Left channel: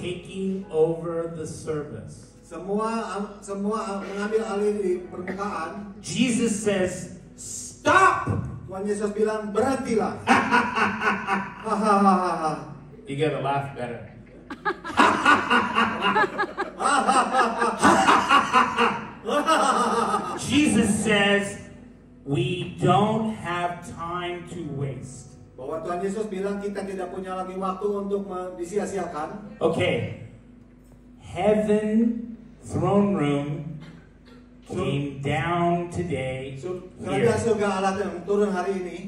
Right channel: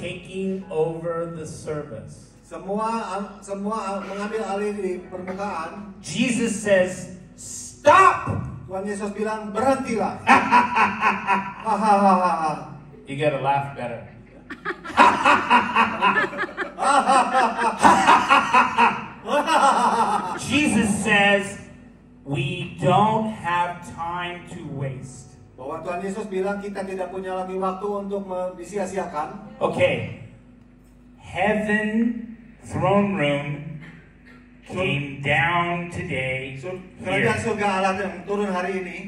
taking over the service. Semua mengambil alih di permukaan. Jesus says, stop! Tuhan Yesus bilang, berhentilah. You gotta laugh better. Jesus says, we don't have time to waste. Bahwa Tuhan Yesus bilang kita tidak punya lagi waktu untuk disia-siakan. Okay. Heaven throne room came down today. Kerajaan surga Allah yang turun hari ini.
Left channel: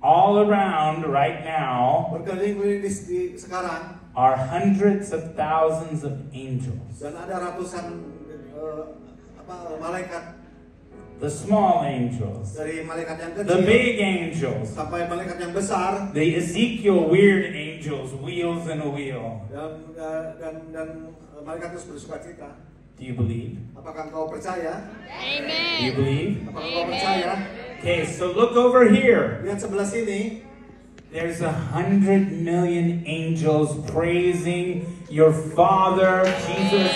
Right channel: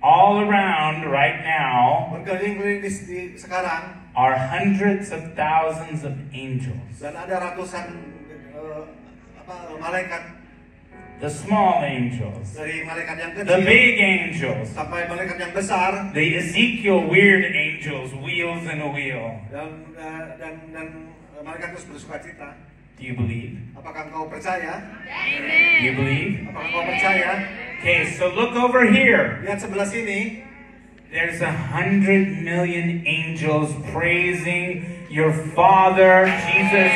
All around right now berkeliling-keliling di sekarang are hundreds of thousands of angels. Dan ada ratusan malaikat. The small angels. Dari malaikat yang kecil. The big angels. Sampai malaikat yang besar. The Ezekiel weird angels, wheels in a wheel. Dan malaikat terus bersukacita. Do you believe? Apakah engkau percaya? Amen. Do you believe? Apakah engkau percaya? Okay, so look over here. Lihat sebelah sini. There's 100 million angels praising your Father, Jesus.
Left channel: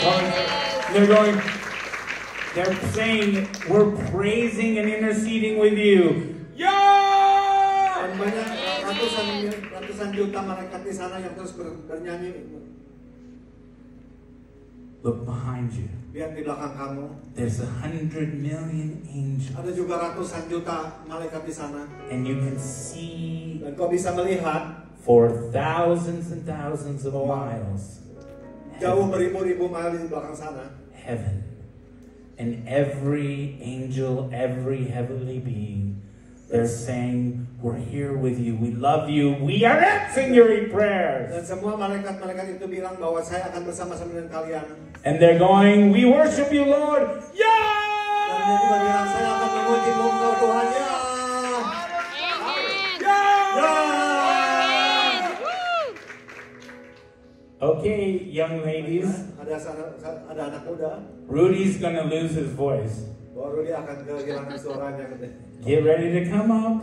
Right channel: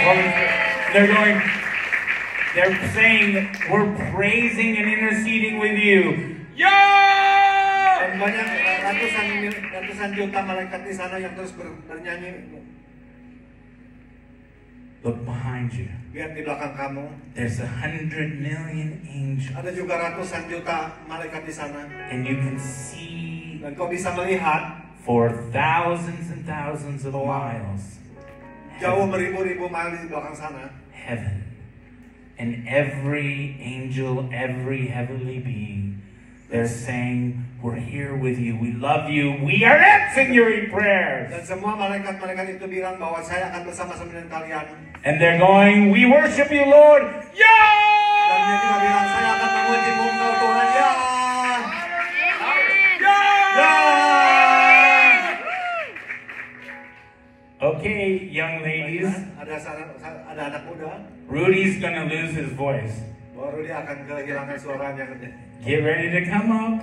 They're saying, we're praising and interceding with you. Yeah! Dan banyak ratusan juta malaikat di sana yang terus bernyanyi. Look behind you. Lihat di belakang kamu. There's 100 million angels. Ada juga ratusan juta malaikat di sana. And you can see. Dan kau bisa melihat. For thousands and thousands of miles. Jauh beribu-ribu mil di belakang sana. Heaven. And every angel, every heavenly being, they're saying, we're here with you, we love you, we are answering your prayers. Dan semua malaikat-malaikat itu bilang bahwa saya akan bersama-sama dengan kalian. And they're going, we worship you, Lord. Yeah! Dan dia juga bilang, saya akan memuji-mu Tuhan. Ya. Okay, young ladies. Ada anak muda. Rudy's gonna lose his voice. Rudy akan kehilangan suaranya. Get ready to come up.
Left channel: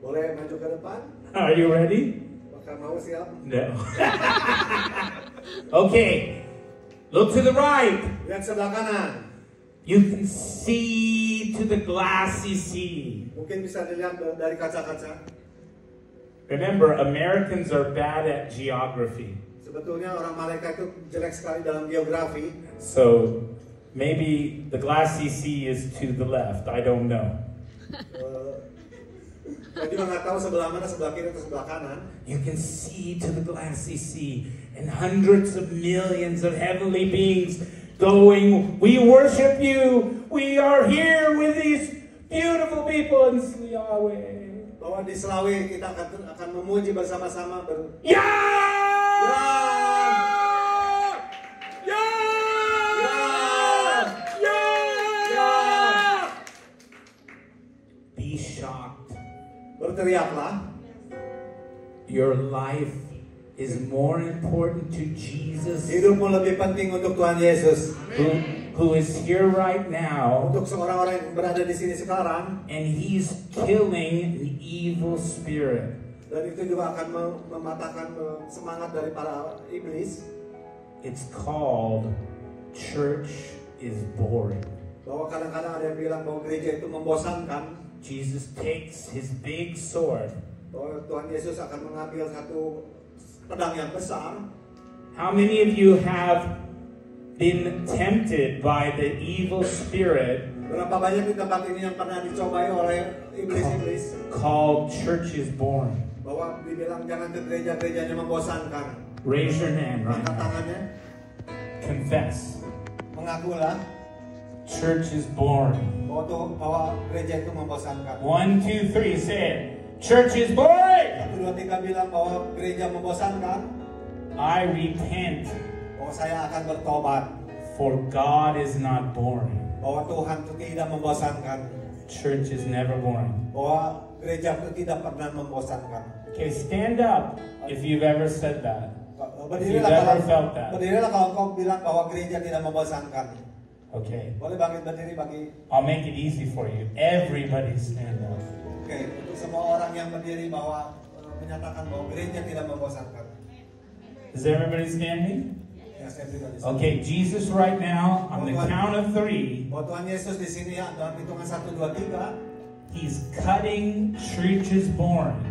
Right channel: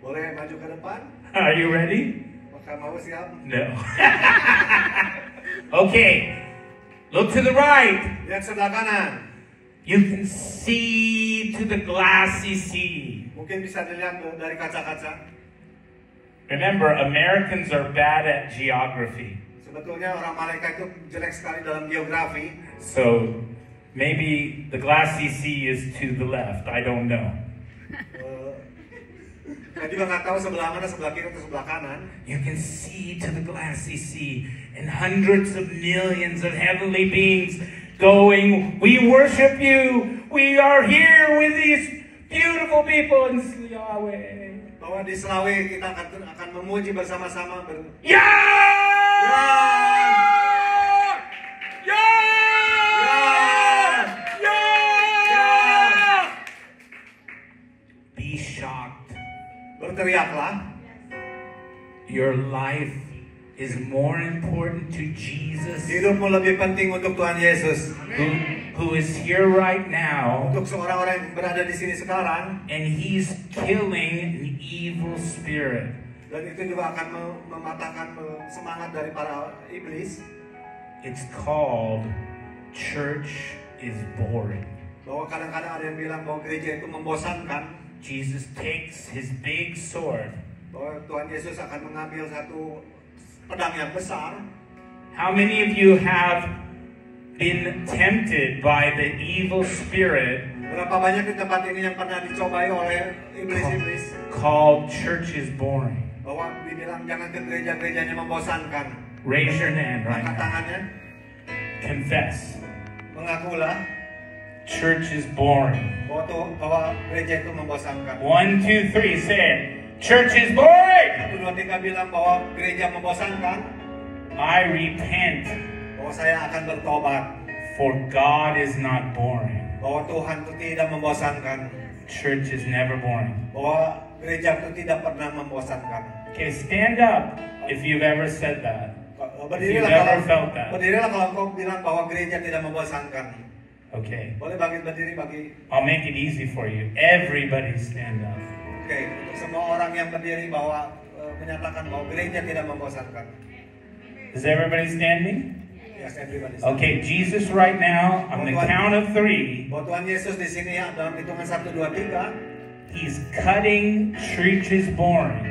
Boleh maju ke depan? Are you ready? Maka mau siap? No. Okay. Look to the right. Lihat sebelah kanan. You can see to the glassy sea. Mungkin bisa dilihat dari kaca-kaca. Remember, Americans are bad at geography. Sebetulnya orang Amerika itu jelek sekali dalam geografi. So maybe the glassy sea is to the left. I don't know. Saya juga nggak tahu sebelah mana, sebelah kiri atau sebelah kanan. You can see to the glassy sea and hundreds of millions of heavenly beings going, we worship you. We are here with these beautiful people in Yahweh. Bahwa di Selawi kita akan memuji bersama-sama. Ya! Ya! Ya! Ya! Ya! Be shocked. Berteriaklah. Your life is more important to Jesus. Hidupmu lebih penting untuk Tuhan Yesus. Who is here right now. Untuk seorang-orang yang berada di sini sekarang. And he's killing an evil spirit. Dan itu juga akan mematahkan semangat dari para iblis. It's called church is boring. Bahwa kadang-kadang ada yang bilang bahwa gereja itu membosankan. Jesus takes his big sword. Bahwa Tuhan Yesus akan mengambil satu pedang yang besar. How many of you have been tempted by the evil spirit? Berapa banyak di tempat ini yang pernah dicobai oleh iblis-iblis? Called church is boring. Bahwa dibilang jangan ke gereja-gerejanya membosankan. Raise your hand right Angkat now. tangannya. Confess. Mengakulah. Church is boring. Bahwa gereja itu membosankan. 1, 2, 3, say it. Church is boring. 1, 2, 3 bilang bahwa gereja membosankan. I repent. Bahwa saya akan bertobat. For God is not boring. Bahwa Tuhan itu tidak membosankan. Church is never boring. Bahwa gereja itu tidak pernah membosankan. Okay, stand up if you've ever said that. If you've ever felt that. Berdirilah kalau kau bilang bahwa gereja tidak membosankan. Okay. Boleh berdiri bagi. I'll make it easy for you. Everybody stand up. Oke, untuk semua orang yang berdiri menyatakan bahwa gereja tidak membosankan. Is everybody standing? Ya, saya pribadi. Okay, Jesus right now, on the count of 3, Bahwa Tuhan Yesus di sini dalam hitungan 1, 2, 3, He's cutting churches boring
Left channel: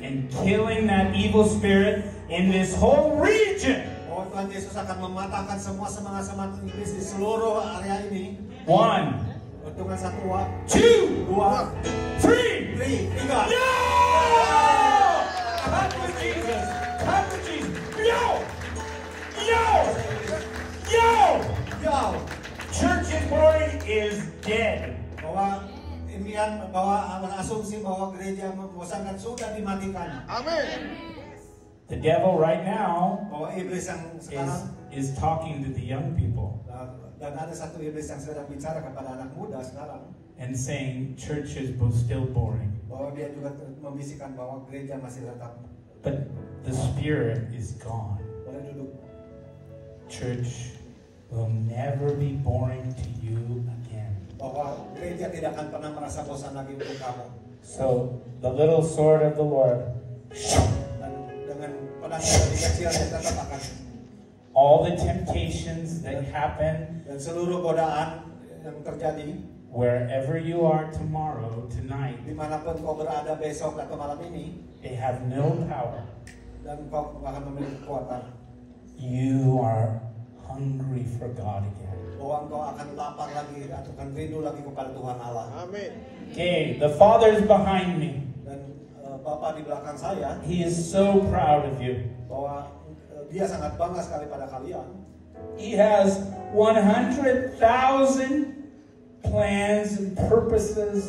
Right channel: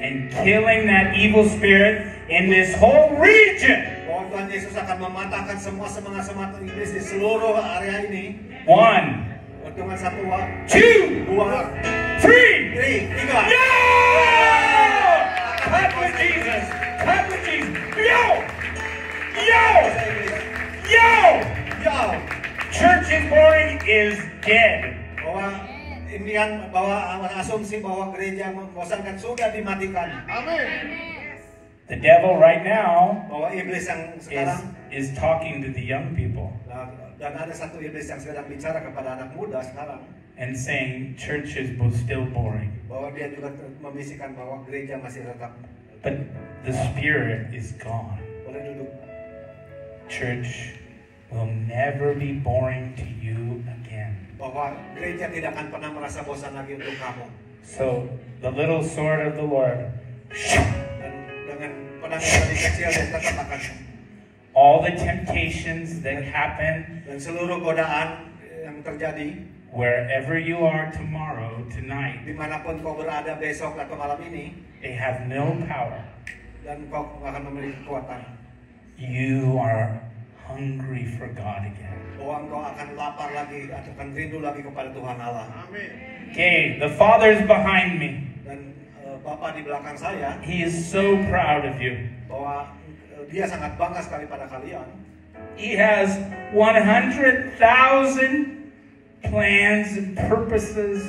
and killing that evil spirit in this whole region. bahwa Tuhan Yesus akan mematahkan semua semangat-semangat iblis di seluruh area ini. 1, Hitungan 1, 2, 2, 3. 3. Yo! Clap with Jesus. Clap with Jesus. Yo! Yo! Yo! Yo! Church is boring is dead. Bahwa impian, bahwa asumsi bahwa gereja membosankan sudah dimatikan. The devil right now Bahwa iblis yang sekarang is talking to the young people dan ada satu iblis yang sedang bicara kepada anak muda sekarang and saying churches will still boring. bahwa dia juga membisikkan bahwa gereja masih tetap. But the spirit is gone. Boleh duduk. Church will never be boring to you again. Bahwa gereja tidak akan pernah merasa bosan lagi untuk kamu. So the little sword of the Lord, Dan dengan pedang yang kecil yang tetap akan. all the temptations that happen Dan seluruh godaan yang terjadi wherever you are tomorrow, tonight, dimanapun kau berada besok atau malam ini, they have no power. dan kau akan memiliki kekuatan. You are hungry for God again. Bahwa engkau akan lapar lagi, akan rindu lagi kepada Tuhan Allah. Okay, the Father's behind me. Dan Bapa di belakang saya, He is so proud of you. bahwa dia sangat bangga sekali pada kalian. He has 100,000 plans and purposes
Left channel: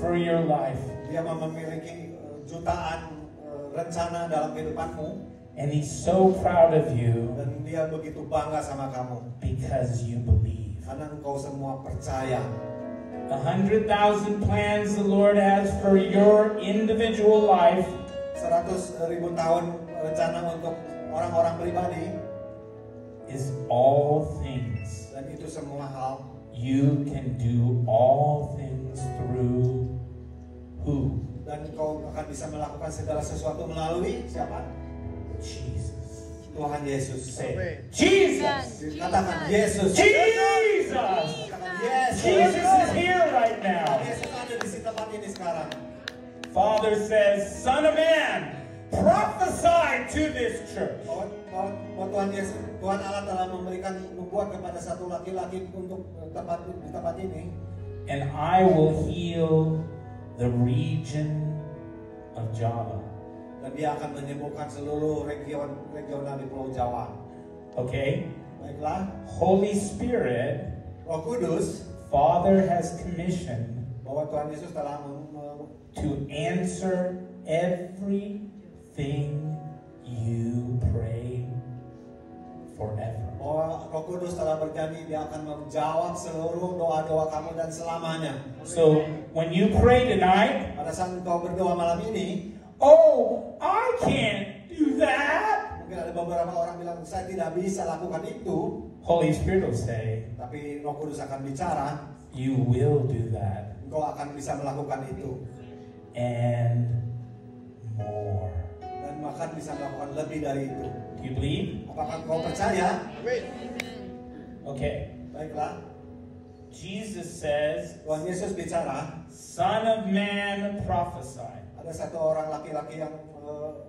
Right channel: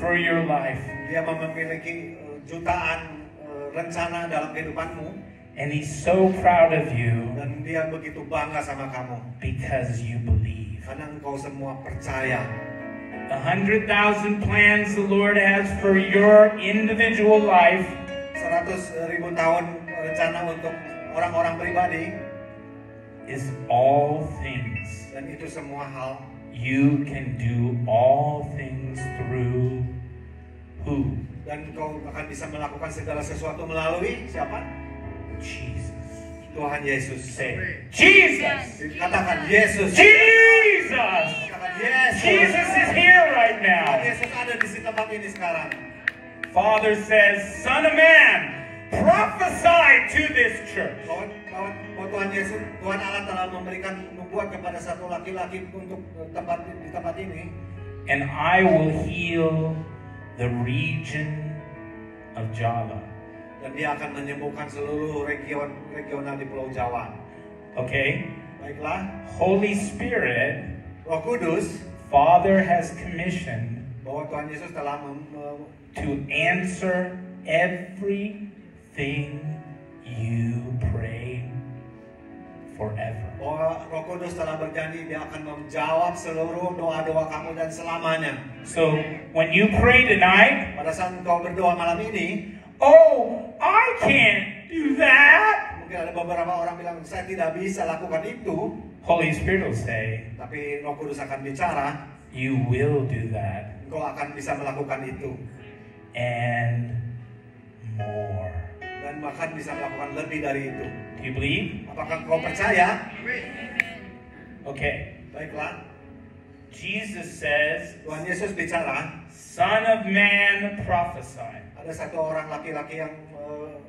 for your life. Dia memiliki jutaan rencana dalam kehidupanmu. And He's so proud of you Dan dia begitu bangga sama kamu. because you believe. Karena engkau semua percaya. 100,000 plans the Lord has for your individual life 100.000 tahun rencana untuk orang-orang pribadi. is all things. Dan itu semua hal. You can do all things through who? Dan kau akan bisa melakukan segala sesuatu melalui siapa? Jesus. Tuhan Yesus. Say, Jesus! Katakan Yesus. Jesus! Katakan Yesus. Jesus is here right Tuhan now. Yesus ada di tempat ini sekarang. Father says, Son of Man, prophesy to this church. Bahwa Tuhan Yesus, Tuhan Allah telah memberikan nubuat kepada satu laki-laki untuk di tempat ini. And I will heal the region of Java. Dan dia akan menyembuhkan seluruh regional di Pulau Jawa. Okay? Baiklah, Holy Spirit, Roh Kudus, Father has commissioned bahwa Tuhan Yesus telah to answer everything you prayed forever. bahwa Roh Kudus telah berjanji dia akan menjawab seluruh doa-doa kamu dan selamanya. So when you pray tonight, Pada saat kau berdoa malam ini, oh, I can't do that. mungkin ada beberapa orang bilang saya tidak bisa lakukan itu, Holy Spirit will say, tapi Roh Kudus akan bicara, you will do that engkau akan bisa melakukan itu and more. dan bahkan bisa melakukan lebih dari itu. Do you believe? Apakah kau percaya? Okay. Baiklah, Jesus says, Tuhan Yesus bicara. Son of Man, prophesy. Ada satu orang laki-laki yang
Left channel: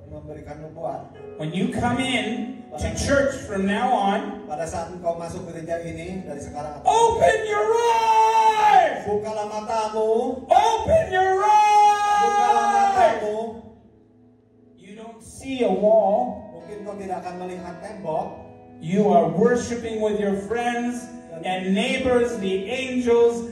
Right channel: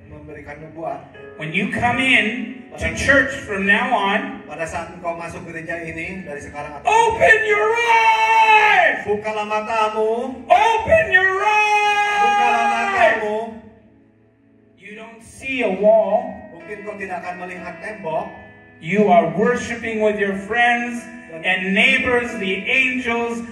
memberikan nubuat. When you come in to church from now on, Pada saat engkau masuk gereja ini dari sekarang, open your eyes! bukalah matamu, Open your bukalah eyes! matamu. You don't see a wall. Mungkin kau tidak akan melihat tembok. You are worshiping with your friends and neighbors, the angels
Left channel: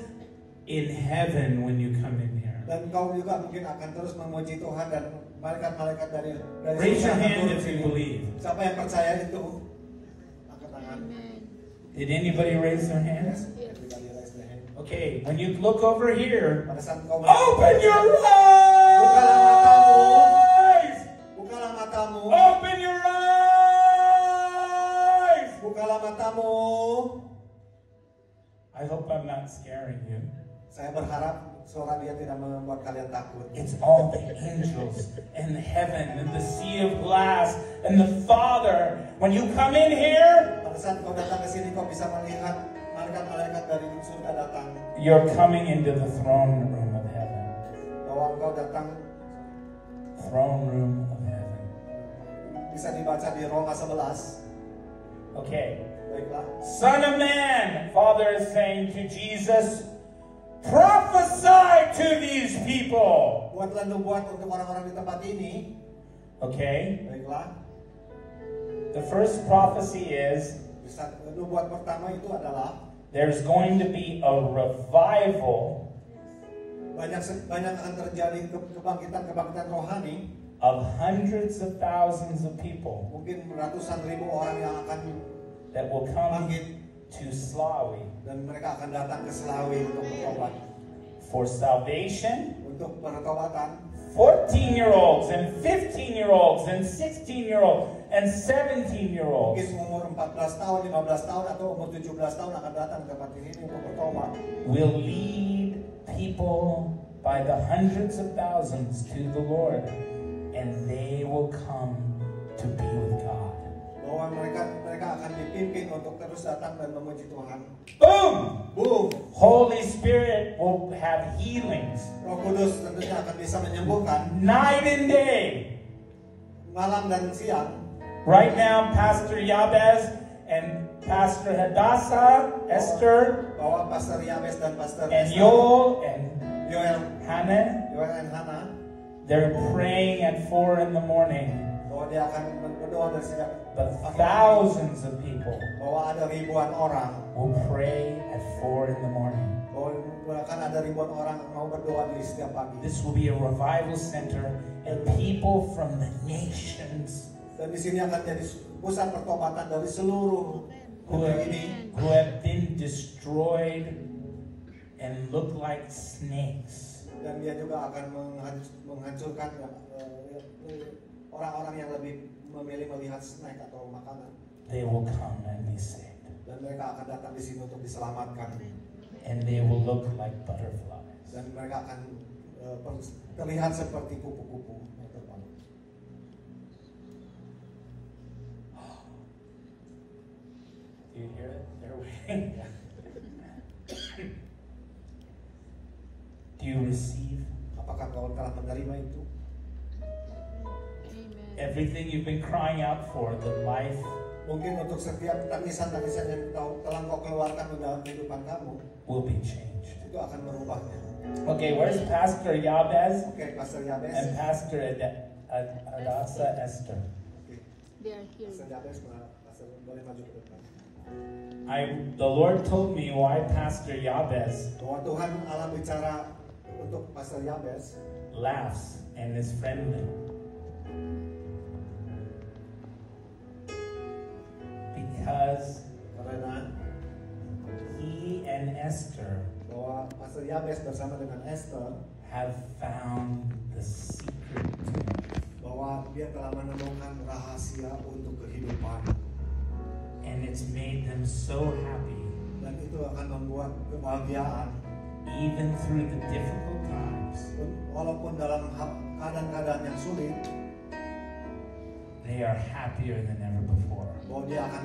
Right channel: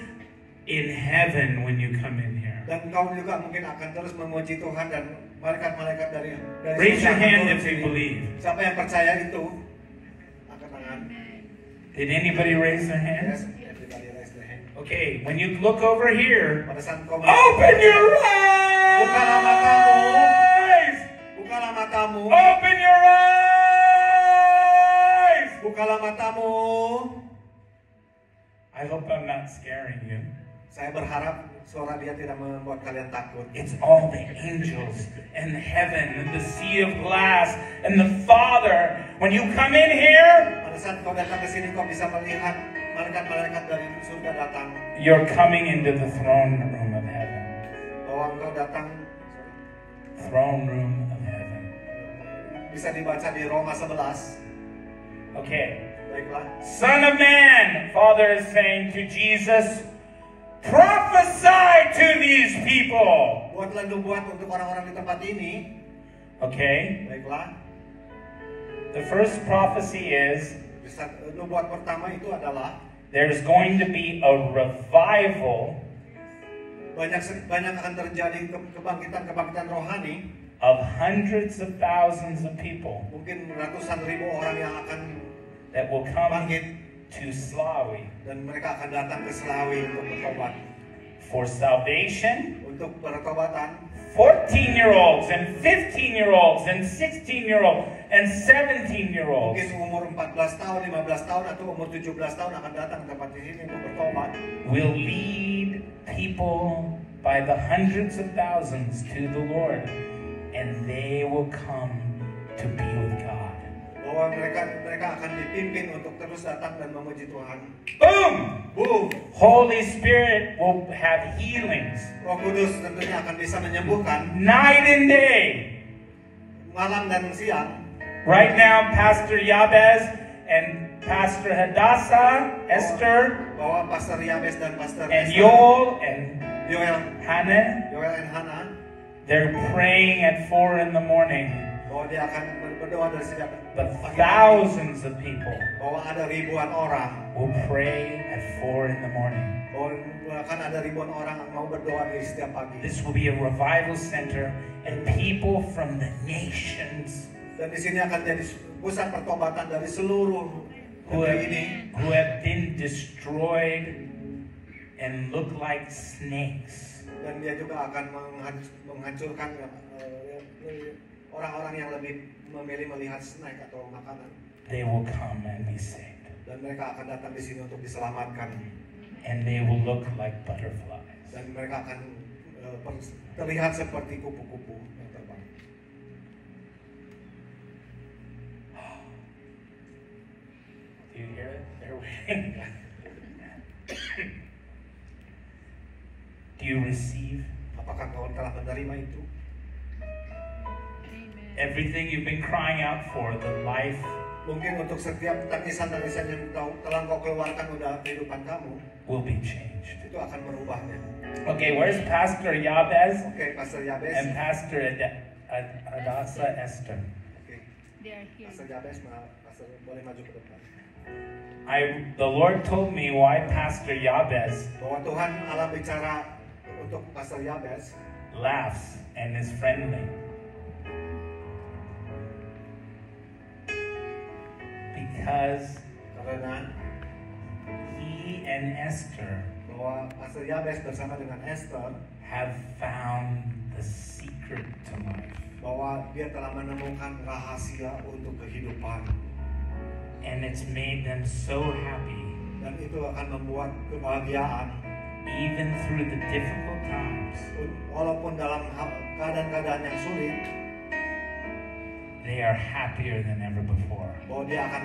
in heaven when you come in here. Dan kau juga mungkin akan terus memuji Tuhan dan malaikat-malaikat dari Raise your surga hand turun if you sini. believe. Siapa yang percaya itu? Angkat tangan. Did anybody raise their Yes, hand? everybody raise their hand. Okay, when you look over here, Pada saat kau open your Bukalah matamu. eyes! bukalah matamu, Open your eyes! bukalah matamu. I hope I'm not scaring you. Saya berharap suara dia tidak membuat kalian takut. It's all the angels and heaven and the sea of glass and the Father. When you come in here, saat kau datang ke sini kau bisa melihat malaikat-malaikat dari surga datang. You're coming into the throne room of heaven. Bahwa engkau datang, Throne room of heaven. bisa dibaca di Roma 11. Okay. Baiklah. Son of man, Father is saying to Jesus, prophesy to these people. Buatlah nubuat untuk orang-orang di tempat ini. Okay. Baiklah. The first prophecy is Nubuat pertama itu adalah there's going to be a revival banyak akan terjadi kebangkitan rohani. of hundreds of thousands of people Mungkin ratusan ribu orang yang akan that will come bangkit to Slawi dan mereka akan datang ke Selawi untuk bertobat. for salvation. Untuk bertobatan 14-year-olds and 15-year-olds and 16-year-olds and 17-year-olds mungkin umur 14 tahun, 15 tahun atau umur 17 tahun akan datang ke tempat ini untuk bertobat. will lead people by the hundreds of thousands to the Lord, and they will come to be with God. Bahwa mereka akan dipimpin untuk terus datang dan memuji Tuhan. Boom! Boom! Holy Spirit will have healings Roh Kudus tentunya akan bisa menyembuhkan night and day. malam dan siang. Right now, Pastor Yabez and Pastor Hadassah, Esther, Bahwa Pastor Yabes dan Pastor and Esther, Yoel and Yoel Hannah, and Hana, they're praying at 4 in the morning. bahwa dia akan berdoa dari sejak But pagi. thousands of people Bahwa ada ribuan orang, will pray at 4 in the morning. bahwa akan ada ribuan orang yang mau berdoa di setiap pagi. This will be a revival center, and people from the nations Dan di sini akan jadi pusat pertobatan dari seluruh who negeri ini have been destroyed and look like snakes. dan dia juga akan menghancurkan orang-orang yang lebih memilih melihat snack atau makanan. They will come and be saved, Dan mereka akan datang di sini untuk diselamatkan. and they will look like butterflies. Dan mereka akan terlihat seperti kupu-kupu yang terbang. Do you hear it? They're waiting. Do you receive Apakah kau telah menerima itu? everything you've been crying out for? The life Mungkin untuk setiap tangisan-tangisan yang telah kau keluarkan dalam kehidupan kamu, will be changed. itu akan merubahnya. Okay, where's Pastor Yabez Oke, Pastor Yabes. and Pastor Hadassah Esther? Oke, They are here. Pastor Yabes, Pastor boleh maju ke depan. The Lord told me why Pastor Yabez Bahwa Tuhan Allah bicara untuk Pastor Yabes laughs and is friendly. Because karena he and Esther bahwa Pastor Yabes bersama dengan Esther have found the secret to life. bahwa dia telah menemukan rahasia untuk kehidupan And it's made them so happy, dan itu akan membuat kebahagiaan even through the difficult times. walaupun dalam keadaan-keadaan yang sulit, They are happier than ever before. bahwa dia akan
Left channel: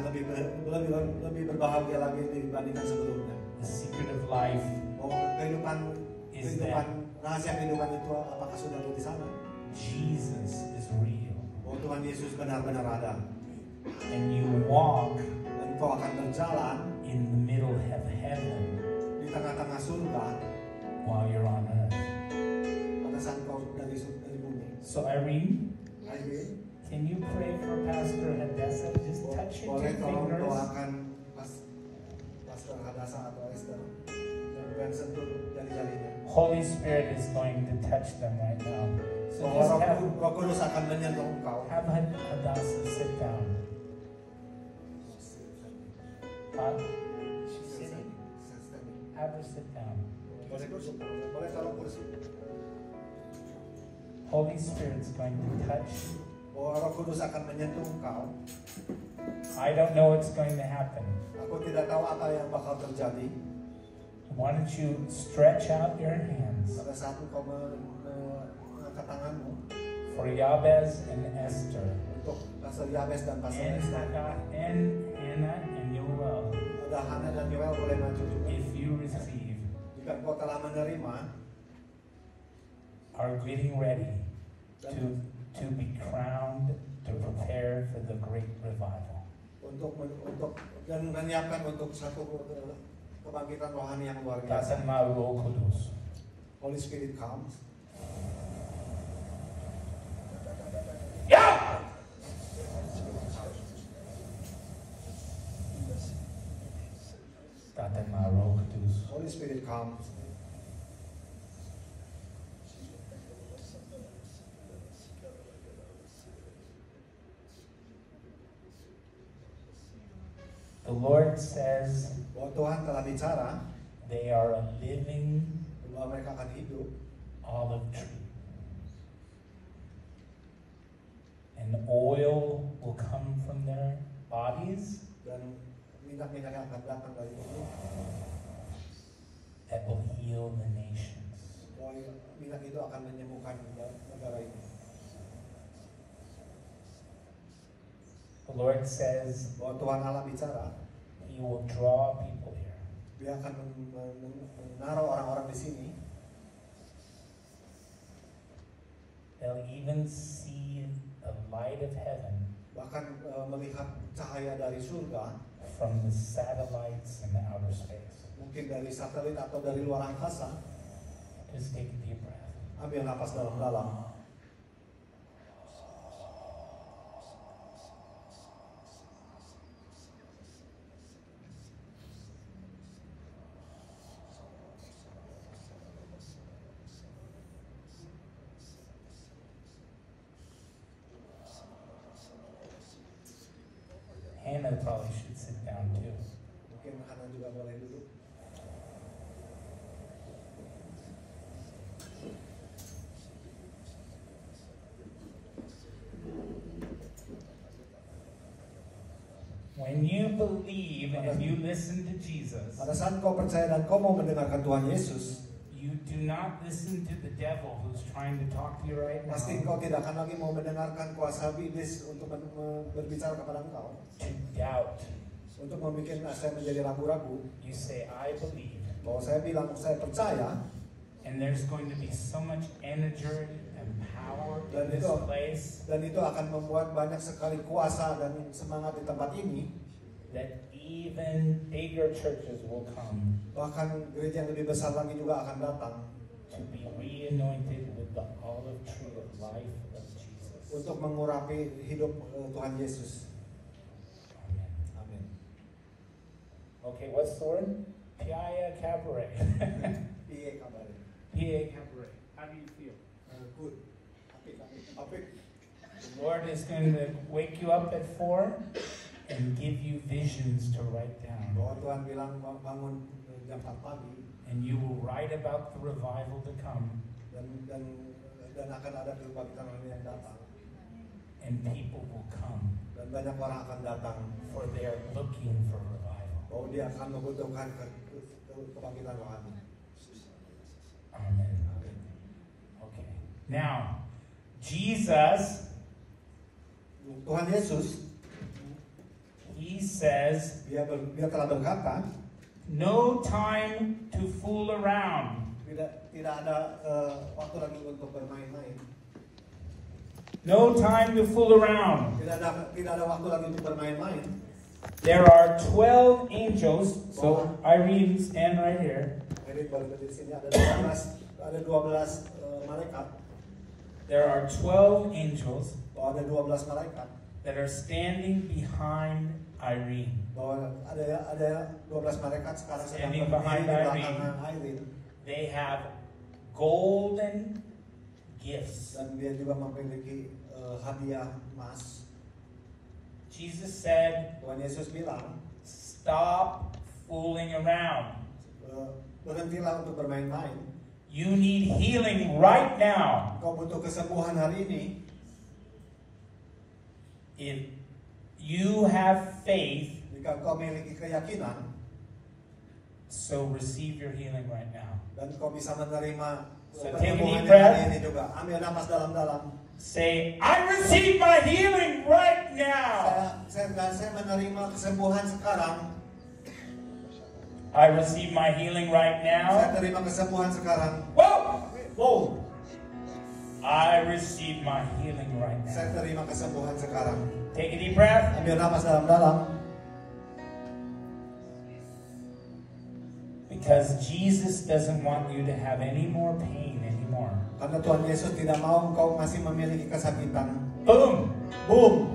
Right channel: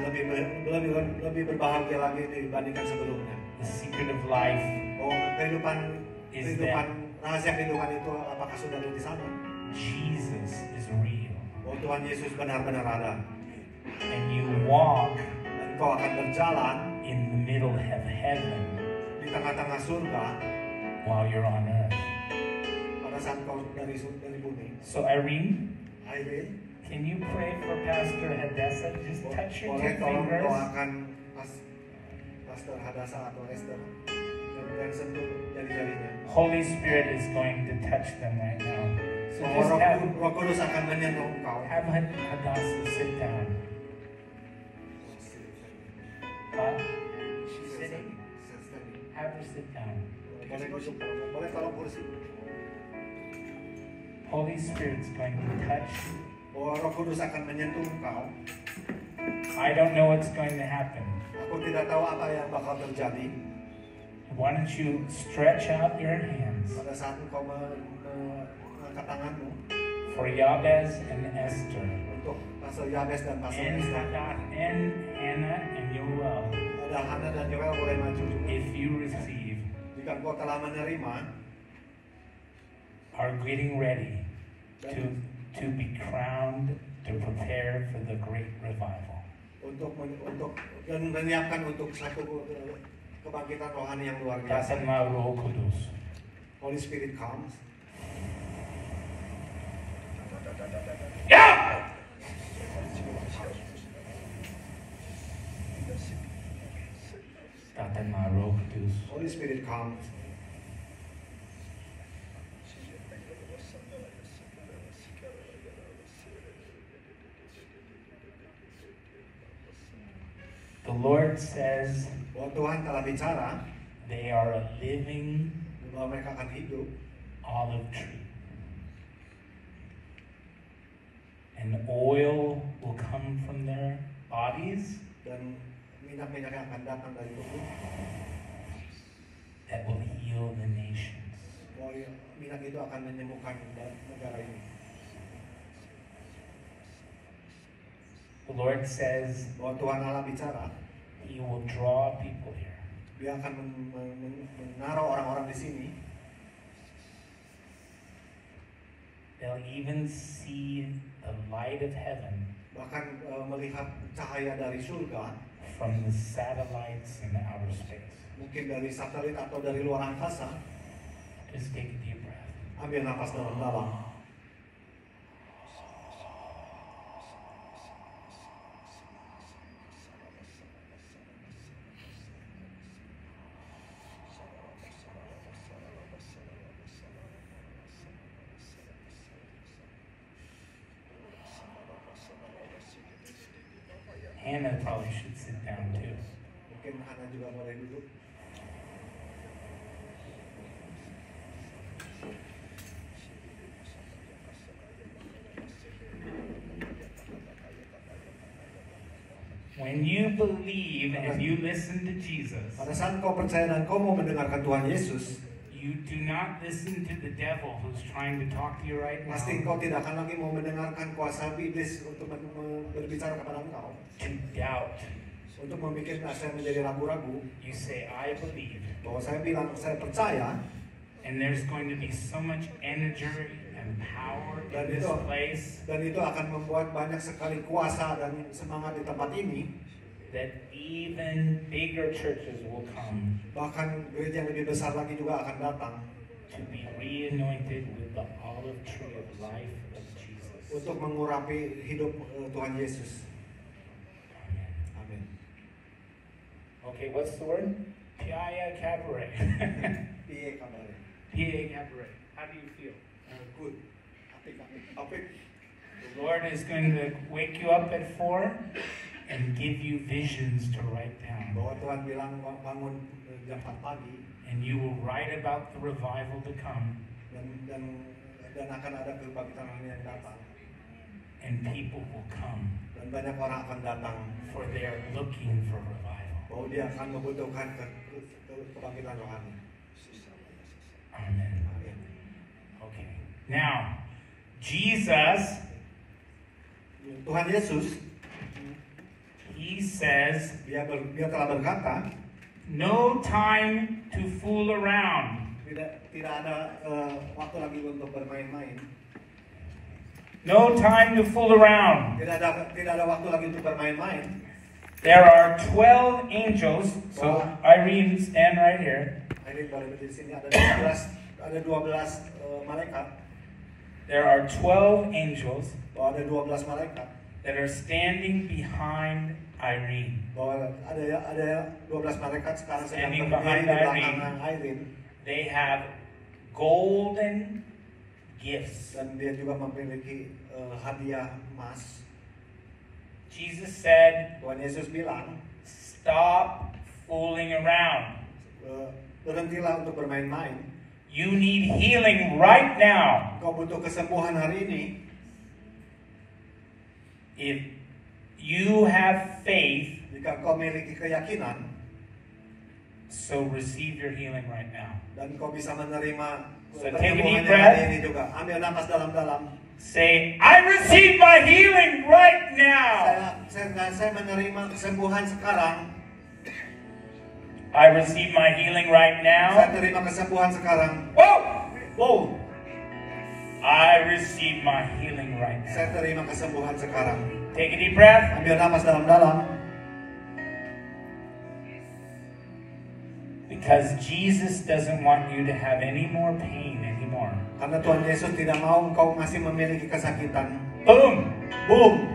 lebih berbahagia lagi dibandingkan sebelumnya. The secret of life Bahwa rahasia kehidupan itu apakah sudah ada di sana? Jesus is real. Bahwa Tuhan Yesus benar-benar ada. And you walk Dan kau akan berjalan in the middle of heaven di tengah-tengah surga while you're on earth. pada saat kau dari bumi. So Irene, Irene, can you pray for Pastor Hadassah? Just touch your boleh two tolong fingers. doakan Pastor Hadassah atau Esther dan sentuh jari-jarinya. Holy Spirit is going to touch them right now. So Bahwa just Roh Kudus akan menyentuh engkau. have Hadassah sit down. Huh? She's sitting. Have her sit down. Boleh duduk, boleh tolong kursi. Holy Spirit's going to touch you. Bahwa Roh Kudus akan menyentuh engkau. I don't know what's going to happen. Aku tidak tahu apa yang bakal terjadi Why don't you stretch out your hands pada saat engkau mengangkat tanganmu for Yabez and Esther untuk Pastor Yabes dan Pastor and Esther Hannah and menerima are getting ready to be crowned to prepare for the great revival. untuk dan menyiapkan untuk satu kebangkitan rohani yang luar biasa. Datang Roh Kudus. Holy Spirit comes. Yeah! Datang Roh Kudus. Holy Spirit comes. The Lord says Bahwa Tuhan telah bicara they are a living bahwa mereka akan hidup olive tree. And oil will come from their bodies dan minyak-minyak yang akan datang dari tubuh. that will heal the nations. Bahwa minyak itu akan menyembuhkan negara ini. The Lord says Bahwa Tuhan Allah bicara, He will draw people here. Dia akan menaruh orang-orang di sini. They'll even see the light of heaven Bahkan melihat cahaya dari surga, from the satellites in outer space. mungkin dari satelit atau dari luar angkasa. Just take a deep breath. Ambil nafas dalam-dalam. Hannah probably should sit down too. Mungkin Hana juga boleh duduk. When you believe and you listen to Jesus, Pada saat kau percaya dan kau mau mendengarkan Tuhan Yesus, you do not listen to the devil who's trying to talk to you right now pasti engkau tidak akan lagi mau mendengarkan kuasa iblis untuk berbicara kepada engkau, to doubt. untuk membuat saya menjadi ragu-ragu. You say, I believe. Bahwa saya bilang saya percaya, And there's going to be so much energy and power in this place dan itu akan membuat banyak sekali kuasa dan semangat di tempat ini. that even bigger churches will come Bahkan gereja yang lebih besar lagi juga akan datang to be re-anointed with the olive tree of life of Jesus. untuk mengurapi hidup Tuhan Yesus. Amin. Okay, what's the word? Piaya Cabaret. Piye kabarnya? Piaya Cabaret. How do you feel? Good. Apik. The Lord is going to wake you up at 4 and give you visions to write down. Bahwa Tuhan bilang bangun jam 4 pagi And you will write about the revival to come. dan akan ada kebangkitan yang datang. And people will come, Dan banyak orang akan datang for they are looking for revival. bahwa dia akan membutuhkan kebangkitan rohani. Amen. Amin. Okay. Now, Jesus, Tuhan Yesus, He says, dia telah berkata, no time to fool around. tidak ada waktu lagi untuk bermain-main. No time to fool around. Tidak ada waktu lagi untuk bermain-main. There are 12 angels. So Irene, stand right here. Jadi boleh berdiri sini, ada 12 malaikat. There are 12 angels Bahwa ada 12 malaikat. that are standing behind Irene. Bahwa ada 12 malaikat sekarang sedang Standing berdiri behind di belakang Irene. Irene. They have golden gifts. Dan dia juga memiliki hadiah emas. Jesus said, Tuhan Yesus bilang, stop fooling around. berhentilah untuk bermain-main. You need healing right now. Kau butuh kesembuhan hari ini. If you have faith, Jika kau memiliki keyakinan, so receive your healing right now. dan kau bisa menerima So take a deep penyembuhannya breath. hari ini juga. Ambil nafas dalam-dalam. Say, I receive my healing right now. Saya menerima kesembuhan sekarang. I receive my healing right Saya now. terima kesembuhan sekarang. Whoa! Wow. I receive my healing right now. Saya terima kesembuhan sekarang. Take a deep breath. Ambil napas dalam-dalam. Because Jesus doesn't want you to have any more pain anymore. Karena Tuhan Yesus tidak mau engkau masih memiliki kesakitan. Boom! Boom.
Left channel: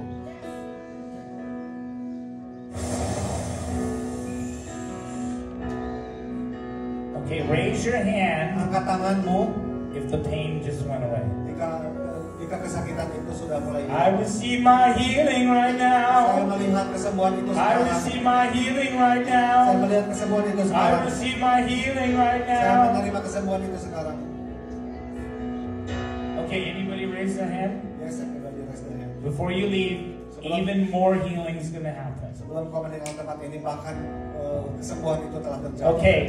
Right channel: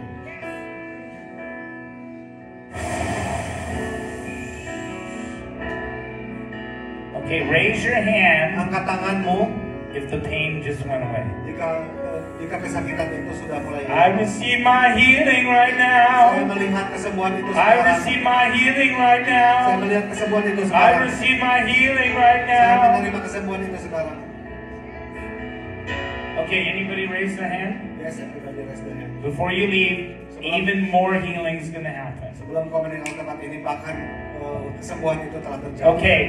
Okay, raise your hand Angkat tanganmu if the pain just went away. jika kesakitan itu sudah mulai. I receive my healing right Saya now. melihat kesembuhan itu I sekarang. receive my healing right Saya now. melihat kesembuhan itu I sekarang. receive my healing right Saya now. menerima kesembuhan itu sekarang. Okay, anybody raise their hand? Yes, everybody raise their hand. Before you leave, even more healing is going to happen. Sebelum kau meninggal tempat ini, bahkan kesembuhan itu telah terjadi. Okay,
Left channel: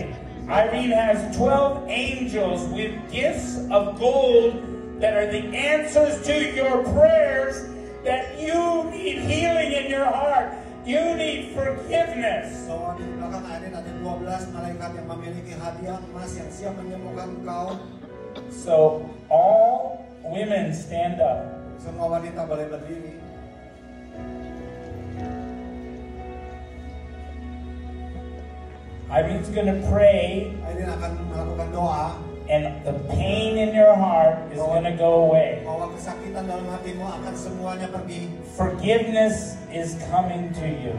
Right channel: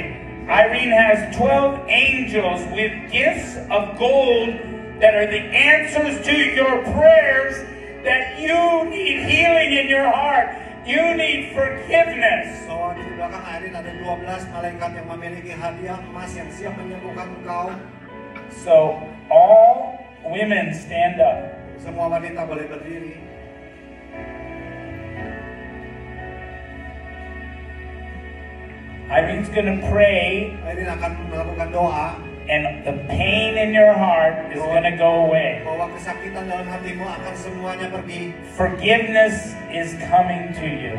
Irene has 12 angels with gifts of gold that are the answers to your prayers that you need healing in your heart. You need forgiveness. So, di belakang Irene ada 12 malaikat yang memiliki hadiah emas yang siap menyembuhkan engkau. So, all women stand up. Semua wanita boleh berdiri. Irene's going to pray, Irene akan melakukan doa and the pain in your heart is going to go away. bahwa kesakitan dalam hatimu akan semuanya pergi. Forgiveness is coming to you.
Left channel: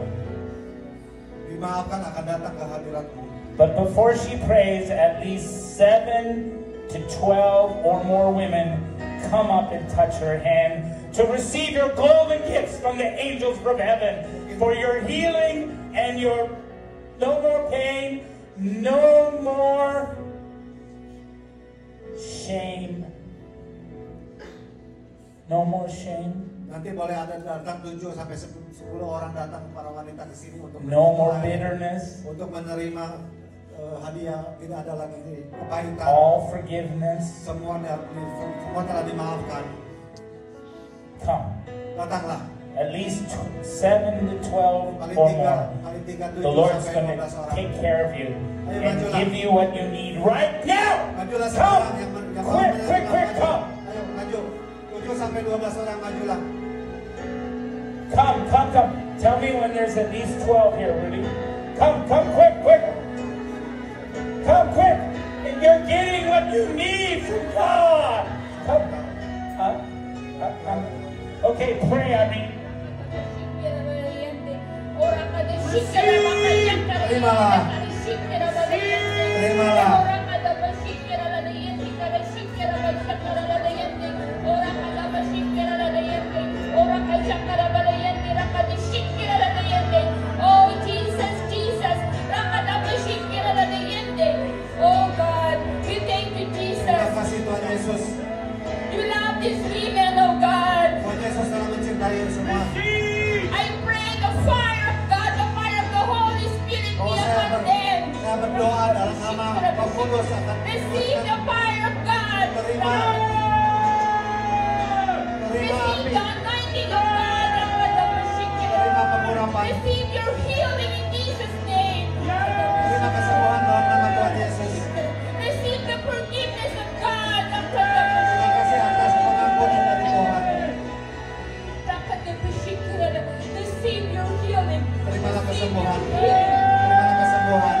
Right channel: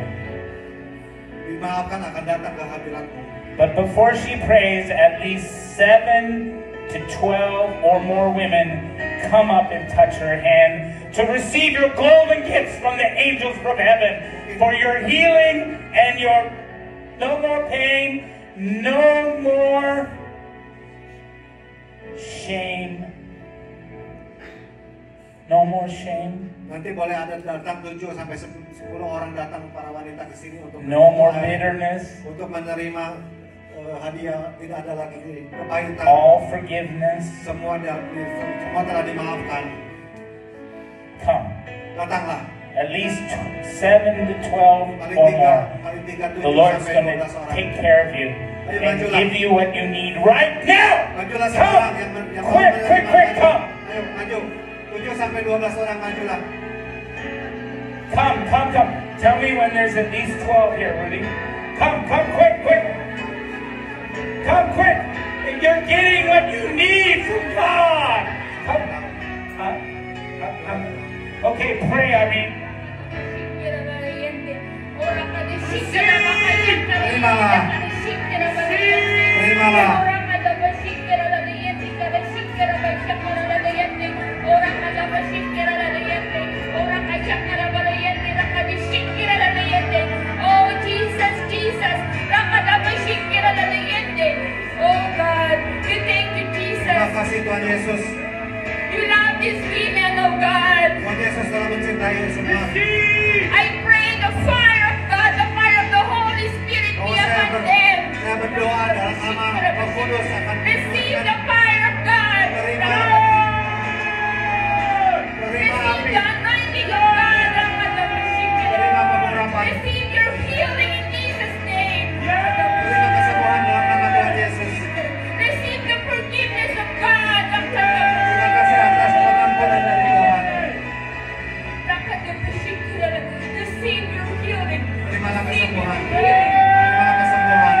Dimaafkan akan datang ke hadiratmu. But before she prays, at least 7 to 12 or more women come up and touch her hand to receive your golden gifts from the angels from heaven for your healing and your no more pain, no more shame. No more shame. Nanti boleh ada datang 7 sampai 10 orang datang para wanita di sini untuk No more bitterness. untuk menerima hadiah. Tidak ada lagi kepahitan. All forgiveness. Semua telah dimaafkan. Come. Datanglah. At least 7 to 12 or more. The Lord's going to take care of you and give you what you need right now. Majulah Come. seorang yang Quick, come. Ayo, maju. 7 sampai 12 orang majulah. Come. Tell me when there's at least 12 here, Rudy. Come, quick. Come quick. And you're getting what you need from God. Come. Okay, pray, Irene. Oh Jesus, oh God, we thank you, Jesus. Terima kasih Tuhan Yesus. You love these women, oh God. Tuhan Yesus telah mencintai semua. I pray the fire of God, the fire of the Holy Spirit be upon them. Saya berdoa dalam nama Roh Kudus akan Receive the fire of God. Terima Receive api. the anointing of God. Terima pengurapan. Receive your healing in Jesus' name. Terima kesembuhan dalam nama Tuhan Yesus. Receive the forgiveness of God. Terima kasih atas pengampunan dari Tuhan. Receive your healing. Terimalah kesembuhan. Receive your healing. Terimalah kesembuhan.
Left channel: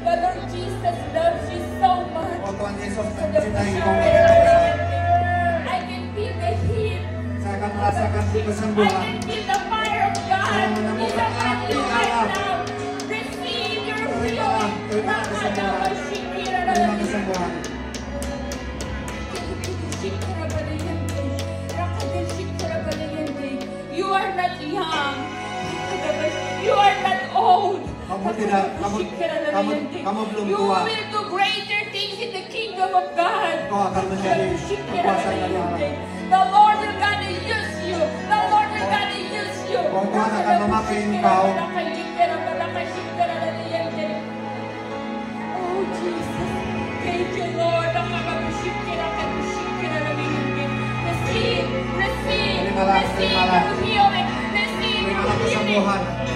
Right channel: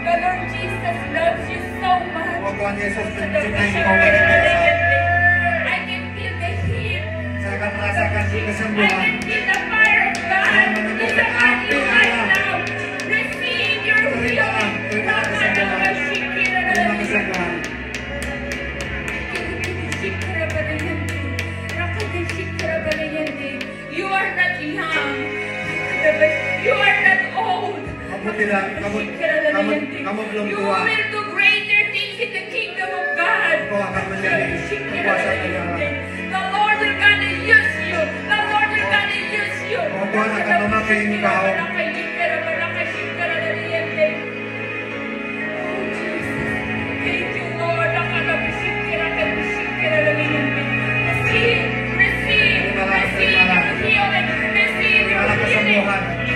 The Lord Jesus loves you so much. Oh Tuhan Yesus mencintai engkau banyak sekali. I can feel the heat. Saya akan merasakan I kesembuhan. can feel the fire of God. He's upon you right now. Receive your healing. Terima kesembuhan. Terima kesembuhan. You are not young. You are not old. Kamu belum You tua. will do greater things in the kingdom of God. Kau akan menjadi kekuasaan dari Allah. The Lord will gonna use you. The Lord will gonna use you. Oh, Tuhan akan memakai engkau. Oh Jesus. Thank you, Lord. Receive your healing. Receive your Terimalah healing. kesembuhan.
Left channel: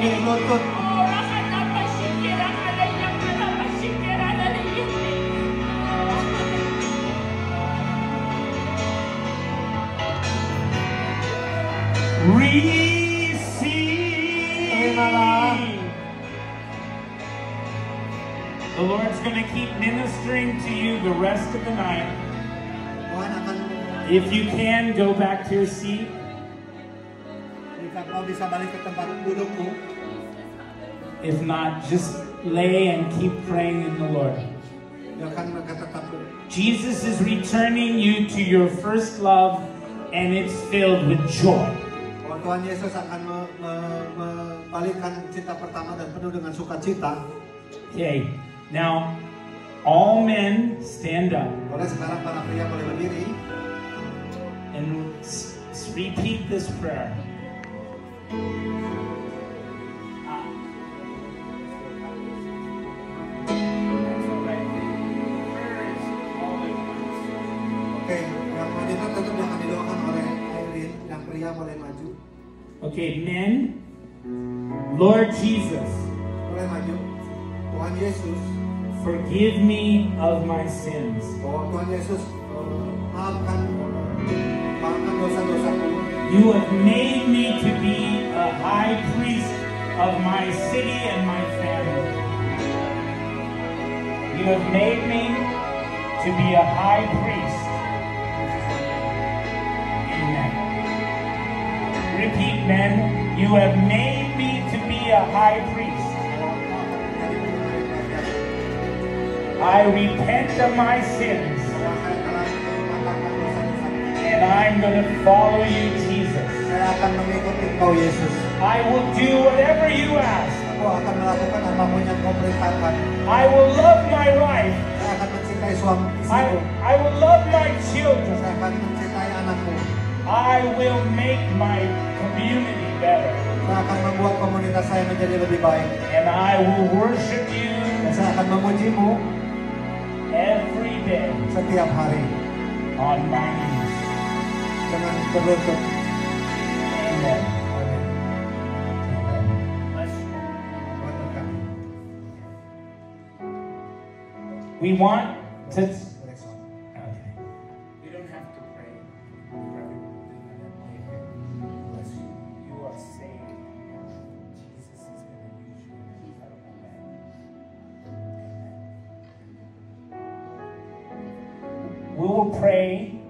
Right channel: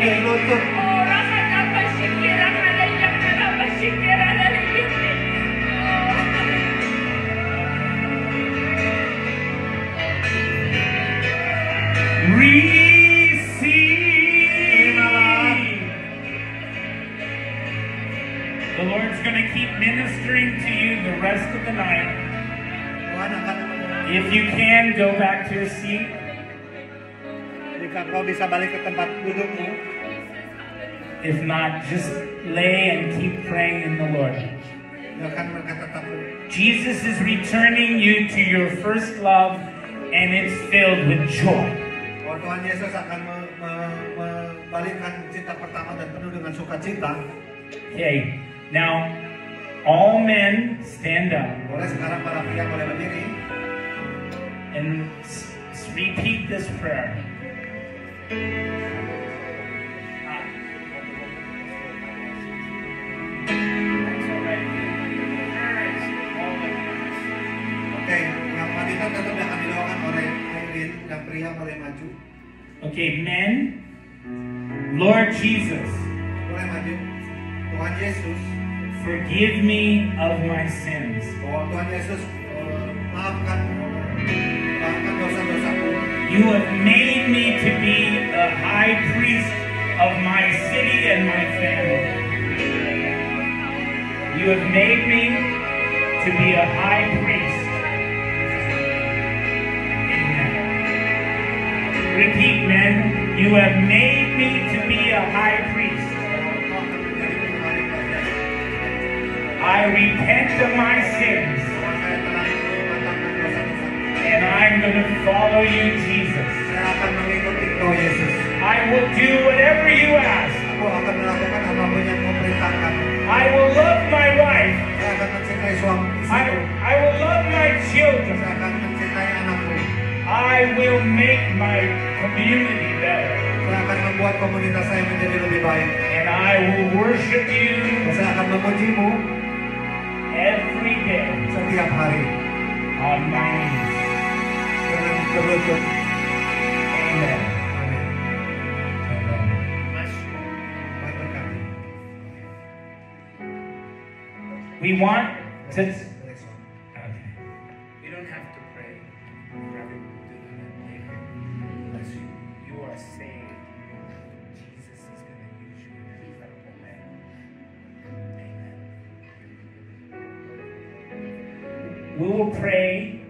berlutut. Receive. The Lord's going to keep ministering to you the rest of the night. Tuhan akan If you can, go back to your seat. jika kau bisa balik ke tempat dudukmu. If not, just lay and keep praying in the Lord. Akan mereka tetap Jesus is returning you to your first love, and it's filled with joy. Tuhan Yesus akan membalikkan cinta pertama dan penuh dengan sukacita. Okay, now all men stand up Boleh sekarang para pria boleh berdiri. and repeat this prayer. Oke, yang wanita tetap yang akan didoakan oleh Irene, yang pria boleh maju. Okay, men, Lord Jesus, Boleh maju. Tuhan Yesus, forgive me of my sins. bahwa Tuhan Yesus maafkan dosa-dosaku. You have made me to be a high priest of my city and my family. You have made me to be a high priest. Amen. Repeat, men. You have made me to be a high priest. I repent of my sins, and I'm going to follow you, Jesus. Saya akan mengikuti Engkau Yesus. I will do whatever you ask. Engkau akan melakukan apapun yang Kau perintahkan. I will love my wife. Saya akan mencintai suami istriku. I will love my children. Saya akan mencintai anakku. I will make my community better. Saya akan membuat komunitas saya menjadi lebih baik. And I will worship you Saya akan memujimu every day setiap hari on my knees. dengan berlutut. Amen. Amin. Amen. Bless you. Tuhan berkati. We want to. Next one. Okay. We don't have to pray for everyone. Bless you. You are saved. Jesus is going to use you in an incredible way. Amen. We will pray.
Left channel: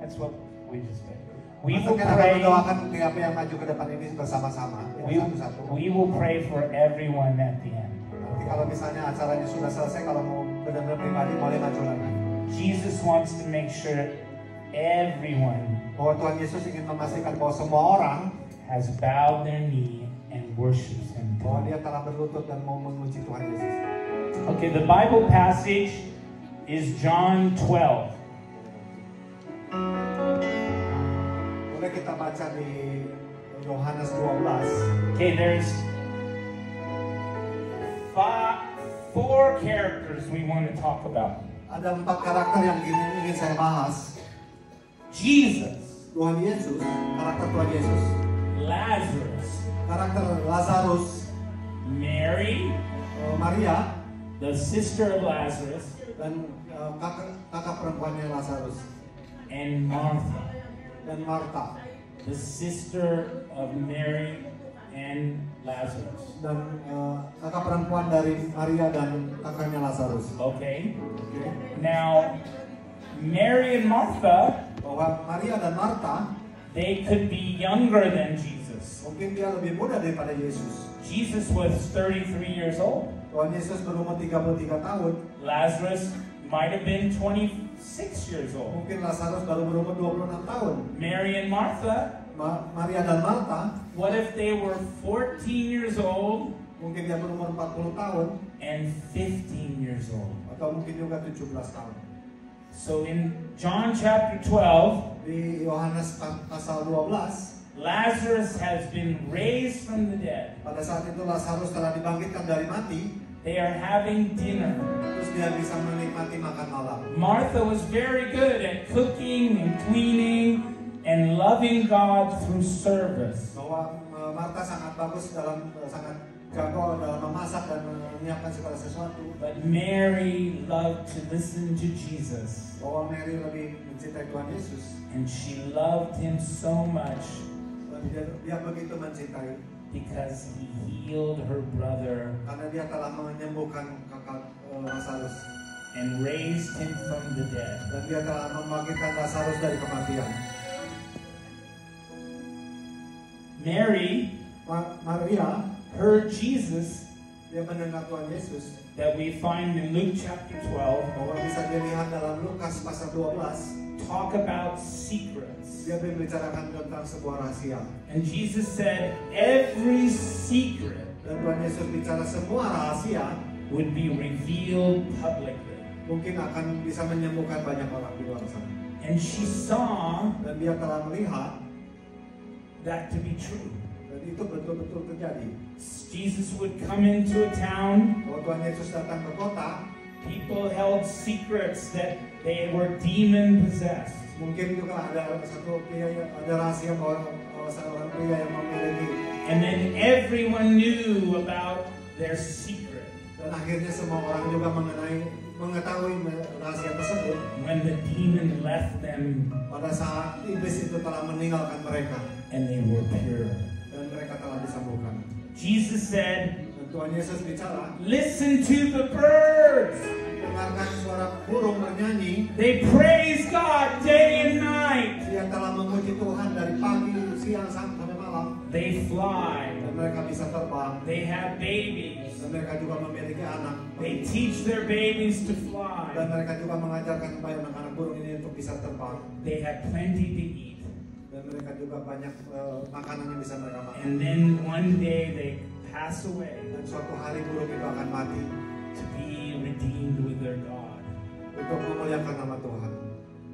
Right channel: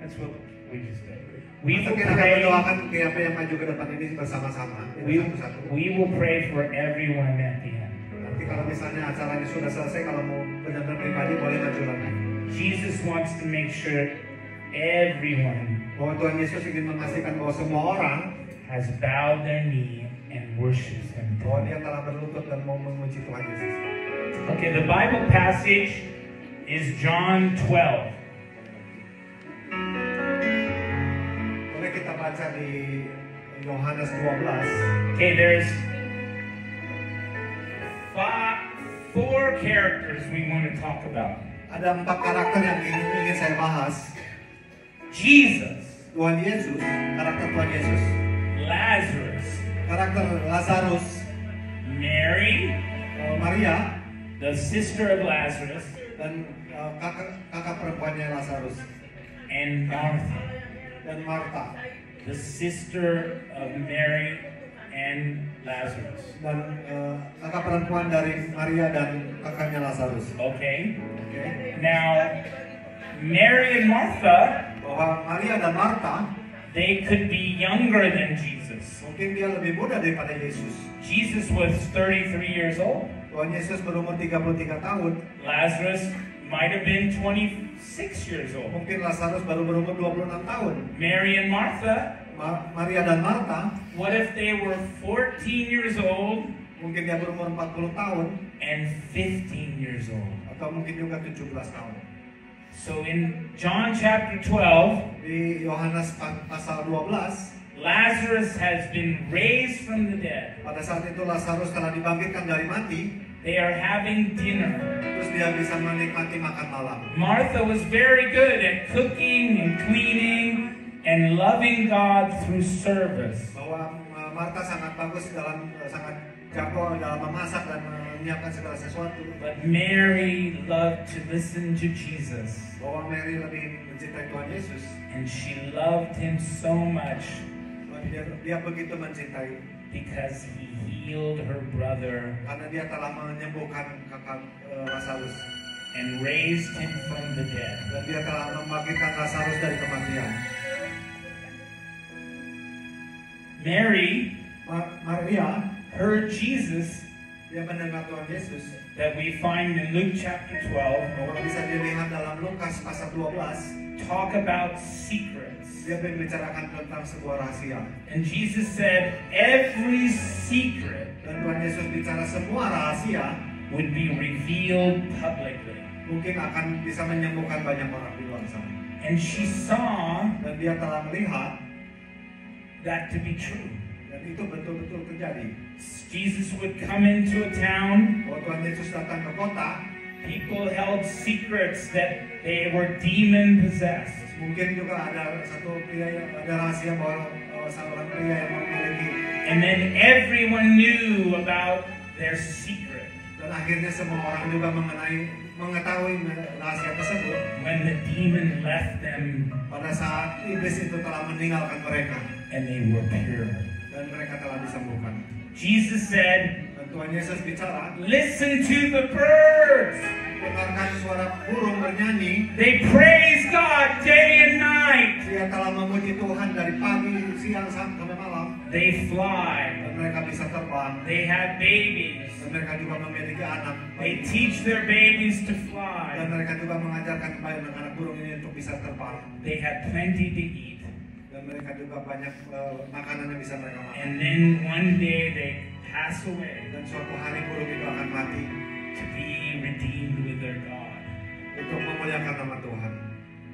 That's what we just did. We will Kita akan pray. mendoakan tiap yang maju ke depan ini bersama-sama. Satu-satu. We will pray for everyone at the end. Nanti kalau misalnya acara ini sudah selesai, kalau mau benar-benar pribadi boleh maju lagi. Jesus wants to make sure everyone Bahwa Tuhan Yesus ingin memastikan bahwa semua orang has bowed their knee and worships Him. bahwa dia telah berlutut dan mau memuji Tuhan Yesus. Okay, the Bible passage is John 12. Boleh kita baca di Yohanes 12. Okay, there's four characters we want to talk about. Ada 4 karakter yang ingin saya bahas. Jesus, Tuhan Yesus, karakter Tuhan Yesus, Lazarus, karakter Lazarus, Mary, Maria, the sister of Lazarus, dan kakak perempuannya Lazarus, and Martha, dan Marta, the sister of Mary and Lazarus. dan kakak perempuan dari Maria dan kakaknya Lazarus. Okay? Oke. Now, Mary and Martha, Bahwa Maria dan Marta they could be younger than Jesus. mungkin dia lebih muda daripada Yesus. Jesus was 33 years old. Tuhan Yesus berumur 33 tahun. Lazarus might have been 26 years old. Mungkin Lazarus baru berumur 26 tahun. Mary and Martha, Maria dan Marta what if they were 14 years old mungkin dia berumur 40 tahun and 15 years old? atau mungkin juga 17 tahun. So in John chapter 12, Di Yohanes pasal 12, Lazarus has been raised from the dead. pada saat itu Lazarus telah dibangkitkan dari mati, They are having dinner. terus dia bisa menikmati makan malam. Martha was very good at cooking and cleaning and loving God through service. Bahwa Marta sangat bagus dalam sangat jago dalam memasak dan menyiapkan segala sesuatu. But Mary loved to listen to Jesus. Bahwa Mary lebih mencintai Tuhan Yesus. And she loved him so much Dia begitu mencintai because he healed her brother karena dia telah menyembuhkan kakak Lazarus and raised him from the dead. dan dia telah membangkitkan Lazarus dari kematian. Mary Maria heard Jesus dia mendengar Tuhan Yesus that we find in Luke chapter 12 bahwa bisa dilihat dalam Lukas pasal 12 talk about secrets. dia membicarakan tentang sebuah rahasia. And Jesus said every secret Dan Tuhan Yesus bicara semua rahasia would be revealed publicly. mungkin akan bisa menyembuhkan banyak orang di luar sana. And she saw Dan dia telah melihat that to be true. dan itu betul-betul terjadi. Jesus would come into a town. Bahwa Tuhan Yesus datang ke kota, People held secrets that they were demon possessed. mungkin juga ada satu pria yang ada rahasia bahwa seorang pria yang memiliki. And then everyone knew about their secret. Dan akhirnya semua orang juga mengetahui rahasia tersebut. When the demon left them Pada saat iblis itu telah meninggalkan mereka and they were pure. dan mereka telah disembuhkan. Jesus said, Dan Tuhan Yesus bicara, listen to the birds. dengarkan suara burung bernyanyi. They praise God day and night. Dia telah memuji Tuhan dari pagi, siang, sampai malam. They fly. Dan mereka bisa terbang. They have babies. Dan mereka juga memiliki anak. They teach their babies to Dan fly. mereka juga mengajarkan kepada anak-anak burung ini untuk bisa terbang. They have plenty to eat. Dan mereka juga banyak makanan yang bisa mereka makan. And then one day they pass away Dan suatu hari burung itu akan mati to be redeemed with their God. untuk memuliakan nama Tuhan.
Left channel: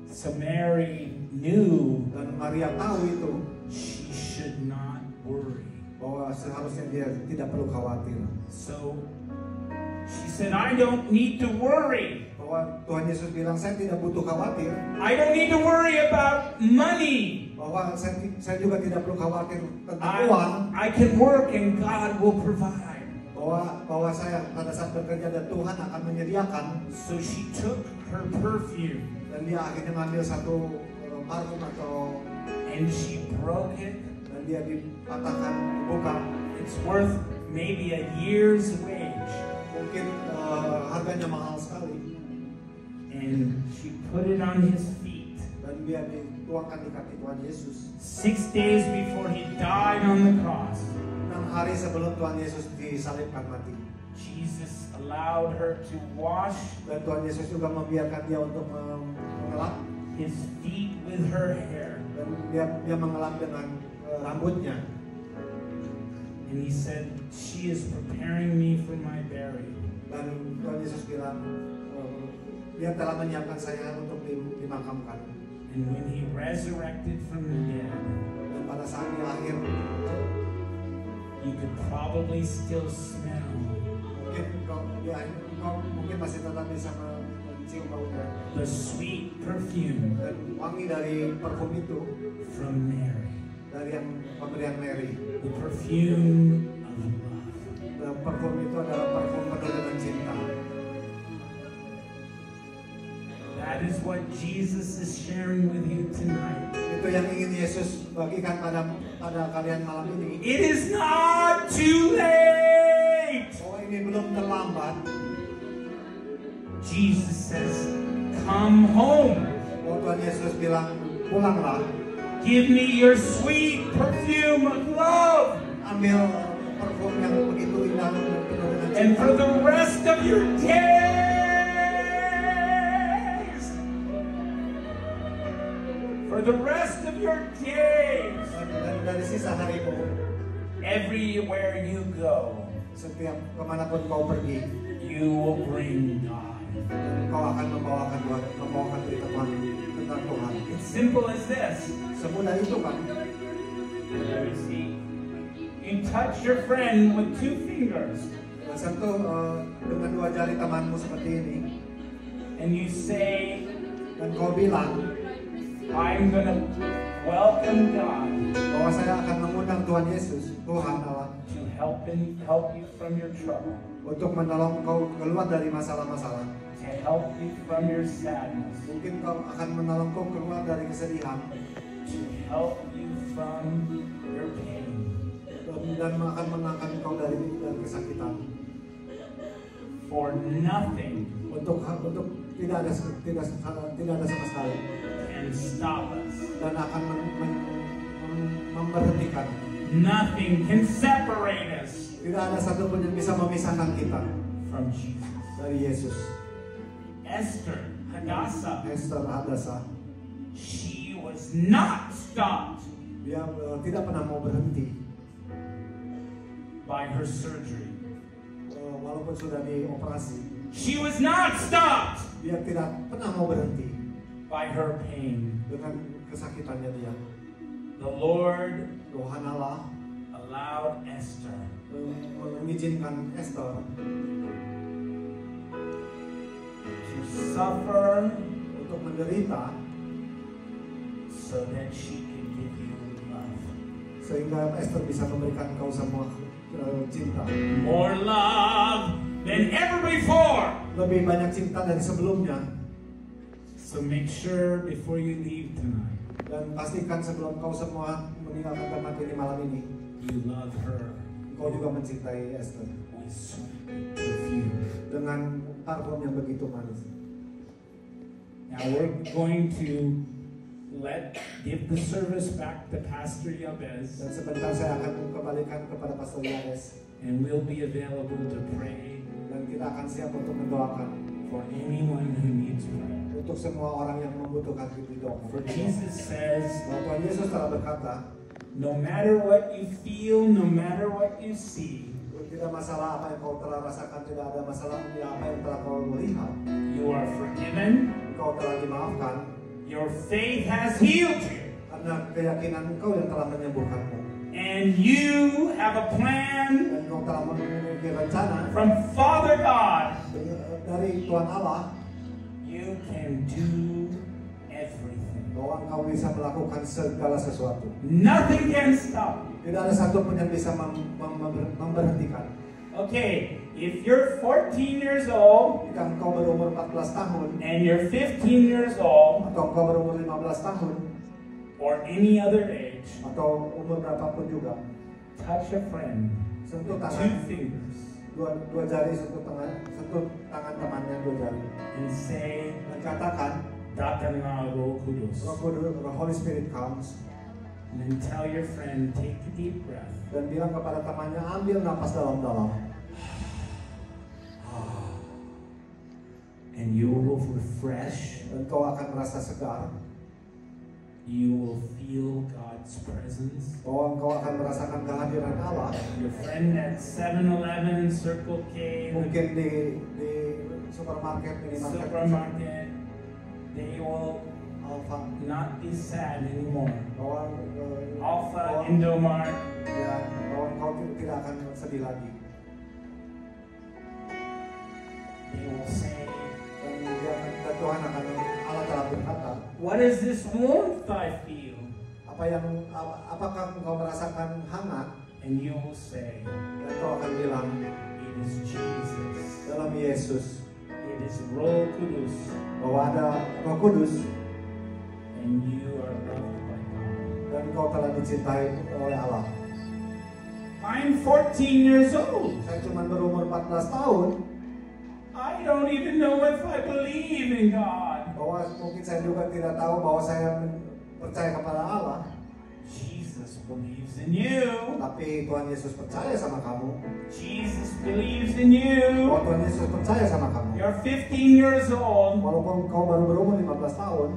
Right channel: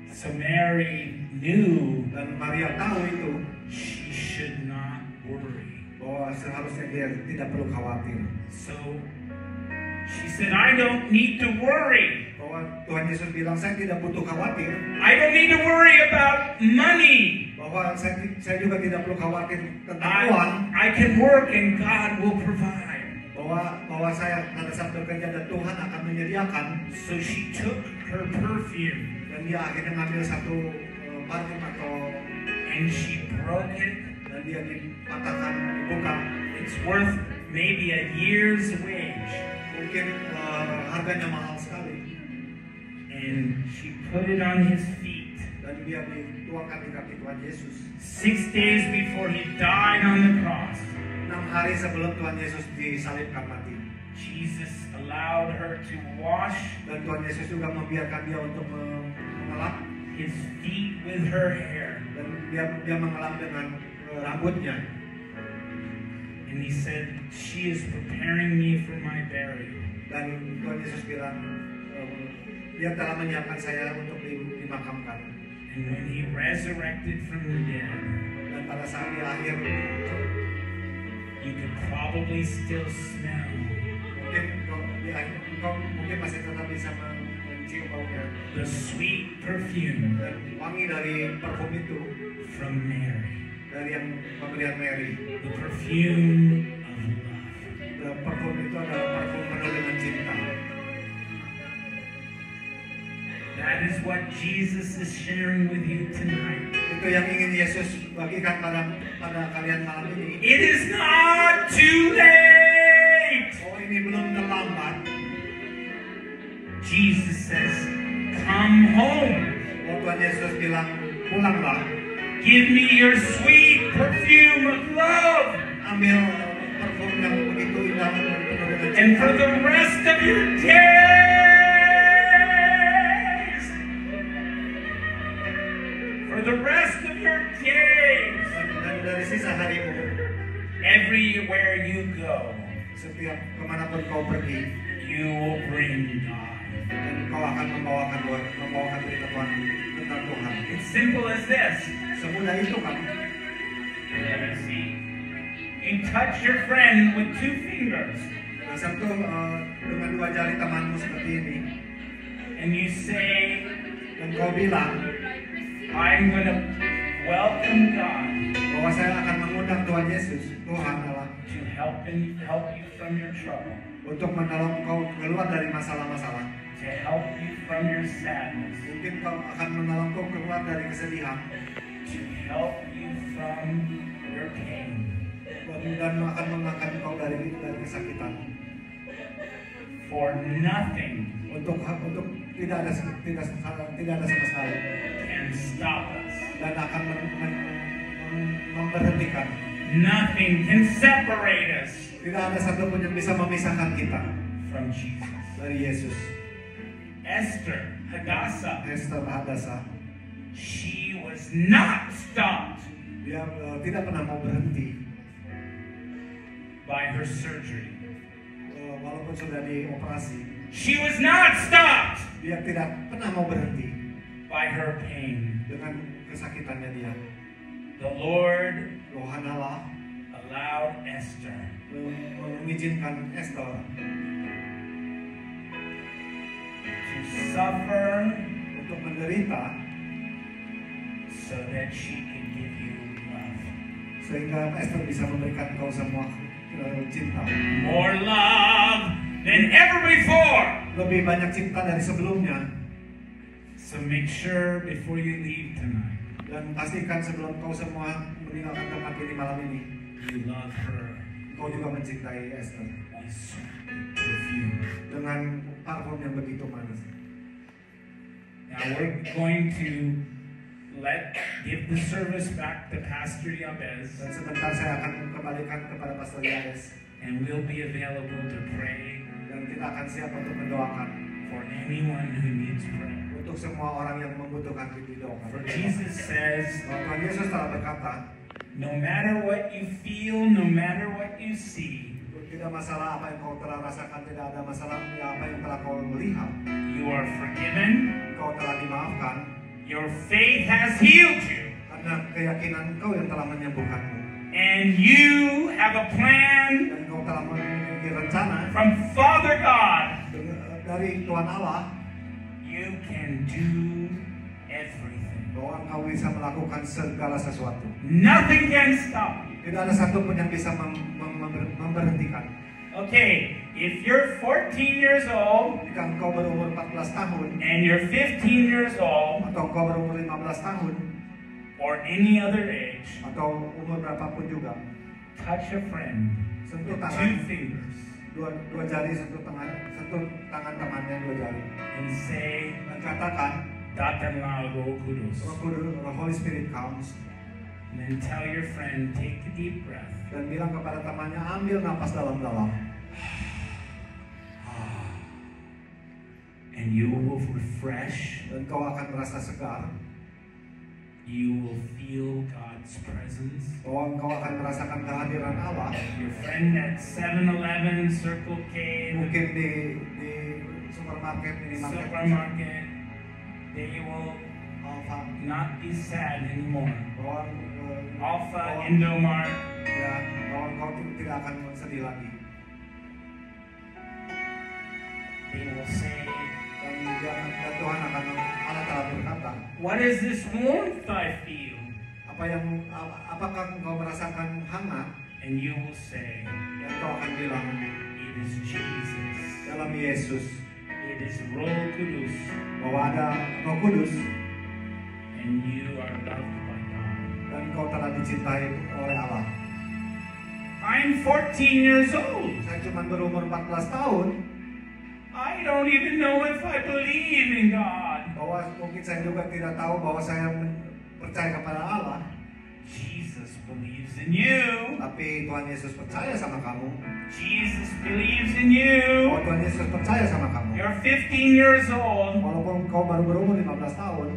So Mary knew Dan Maria tahu itu she should not worry. bahwa seharusnya dia tidak perlu khawatir. So she said, I don't need to worry. Bahwa Tuhan Yesus bilang, saya tidak butuh khawatir. I don't need to worry about money. Bahwa saya juga tidak perlu khawatir tentang uang. I can work and God will provide. Bahwa saya pada saat bekerja dan Tuhan akan menyediakan. So she took her perfume Dan dia akhirnya mengambil satu parfum atau and she broke it. dan dia dipatahkan, dibuka. It's worth maybe a year's wage. Mungkin harganya mahal sekali. And she put it on his feet. Dan dia dituangkan di kaki Tuhan Yesus. 6 days before he died on the cross, 6 hari sebelum Tuhan Yesus disalibkan mati. Jesus allowed her to wash Dan Tuhan Yesus juga membiarkan dia untuk mengelap. his feet with her hair. Dan dia mengelap dengan rambutnya. And he said, she is preparing me for my burial. Dan Tuhan Yesus bilang, dia telah menyiapkan saya untuk dimakamkan. And when he resurrected from the dead, Dan pada saat di akhir, you could probably still smell mungkin masih tetap bisa mencium baunya. the sweet perfume Dan wangi dari parfum itu, from Mary, dari yang pemberian Mary. the perfume of love. Dan parfum itu adalah parfum penuh dengan cinta. That is what Jesus is sharing with you tonight. Itu yang ingin Yesus bagikan pada kalian malam ini. It is not too late. Oh, ini belum terlambat. Jesus says, come home. Oh, Tuhan Yesus bilang, pulanglah. Give me your sweet perfume of love. Ambil parfum yang begitu indah dan penuh dengan And cinta. for the rest of your days, for the rest of your days, Dan dari sisa harimu, everywhere you go, setiap kemanapun kau pergi, you will bring God. dan kau akan membawakan berita Tuhan tentang Tuhan. It's simple as this. Semudah itu kan. Let me see. You touch your friend with 2 fingers, Sentuh dengan 2 jari temanmu seperti ini, and you say, dan kau bilang I'm going to welcome God bahwa saya akan mengundang Tuhan Tuhan Yesus, Tuhan Allah, to help you from your trouble, untuk menolong kau keluar dari masalah-masalah. to help you from your sadness, Mungkin kau akan menolong kau keluar dari kesedihan, to help you from your pain. dan akan mengangkat kau dari kesakitan. For nothing Untuk tidak ada sama sekali, can stop us. dan akan memberhentikan. Nothing can separate us Tidak ada satupun yang bisa memisahkan kita from Jesus. dari Yesus. Esther, Hadassah, Esther Hadassah, she was not stopped dia tidak pernah mau berhenti by her surgery. walaupun sudah dioperasi. She was not stopped Dia tidak pernah mau berhenti by her pain. dengan kesakitannya dia. The Lord Tuhan Allah allowed Esther mengizinkan Esther to suffer untuk menderita so that she can give you love. sehingga Esther bisa memberikan kau semua cinta. More love than ever before. Lebih banyak cinta dari sebelumnya. So make sure before you leave tonight, Dan pastikan sebelum kau semua meninggalkan tempat ini malam ini, you love her kau juga mencintai Esther with sweet perfume. dengan parfum yang begitu manis. Now we're going to give the service back to Pastor Yabez, Dan sebentar saya akan kembalikan kepada Pastor Yanes, and we'll be available to pray dan kita akan siap untuk mendoakan for anyone who needs prayer. untuk semua orang yang membutuhkan didoakan. For Jesus says, Tuhan Yesus telah berkata, no matter what you feel, no matter what you see, tidak masalah apa yang kau telah rasakan, tidak ada masalah apa yang telah kau lihat, you are forgiven, kau telah dimaafkan, your faith has healed you, karena keyakinan kau yang telah menyembuhkanmu. and you have a plan Dan kau telah memiliki rencana from Father God. dari Tuhan Allah, You can do everything. bahwa kau bisa melakukan segala sesuatu. Nothing can stop you. Tidak ada satupun yang bisa memberhentikan. Okay, if you're 14 years old Jika engkau berumur 14 tahun, and you're 15 years old atau engkau berumur 15 tahun, or any other age, atau umur berapapun juga, touch a friend sentuh with tangan, 2 fingers dua jari, sentuh tangan temannya 2 jari, and say, dan katakan, Datanglah Roh Kudus. Roh Kudus, Roh Holy Spirit comes, And then tell your friend, take a deep breath. dan bilang kepada temannya, ambil napas dalam-dalam, And you will refresh. dan kau akan merasa segar, You will feel God's presence. bahwa engkau akan merasakan kehadiran Allah. Your friend at 7-Eleven, Circle K, Mungkin di supermarket, minimarket, supermarket, they will Alfa, not be sad anymore. bahwa Alpha, Indomart, ya, bahwa engkau tidak akan sedih lagi. they will say, Dan Tuhan akan, Allah telah berkata, what is this warmth I feel? apakah engkau merasakan hangat? And you will say, Dan kau akan bilang, it is Jesus. dalam Yesus, It is Roh Kudus. bahwa ada Roh Kudus, And you are loved by God. dan kau telah dicintai oleh Allah. I'm 14 years old. Saya cuma berumur 14 tahun, I don't even know if I believe in God. bahwa mungkin saya juga tidak tahu bahwa saya percaya kepada Allah, Jesus believes in you. tapi Tuhan Yesus percaya sama kamu. Jesus believes in you. Bahwa Tuhan Yesus percaya sama kamu. You're 15 years old. Walaupun kau baru berumur 15 tahun,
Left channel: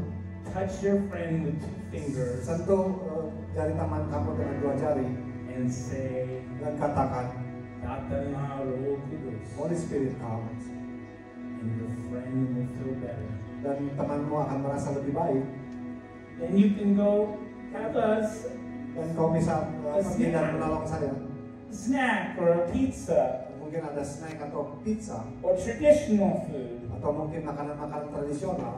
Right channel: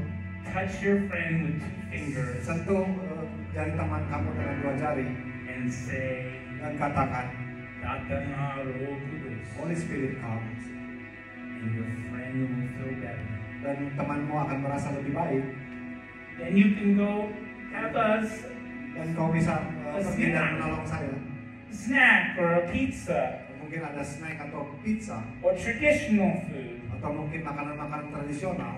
Touch your friend with 2 fingers sentuh jari tangan kamu dengan 2 jari, and say, dan katakan, Datanglah Roh Kudus. Holy Spirit comes, And your friend will feel better. dan temanmu akan merasa lebih baik, Then you can go have a dan kau bisa pergi dan menolong saya. snack or a pizza Mungkin ada snack atau pizza, or traditional food. atau mungkin makanan-makanan tradisional,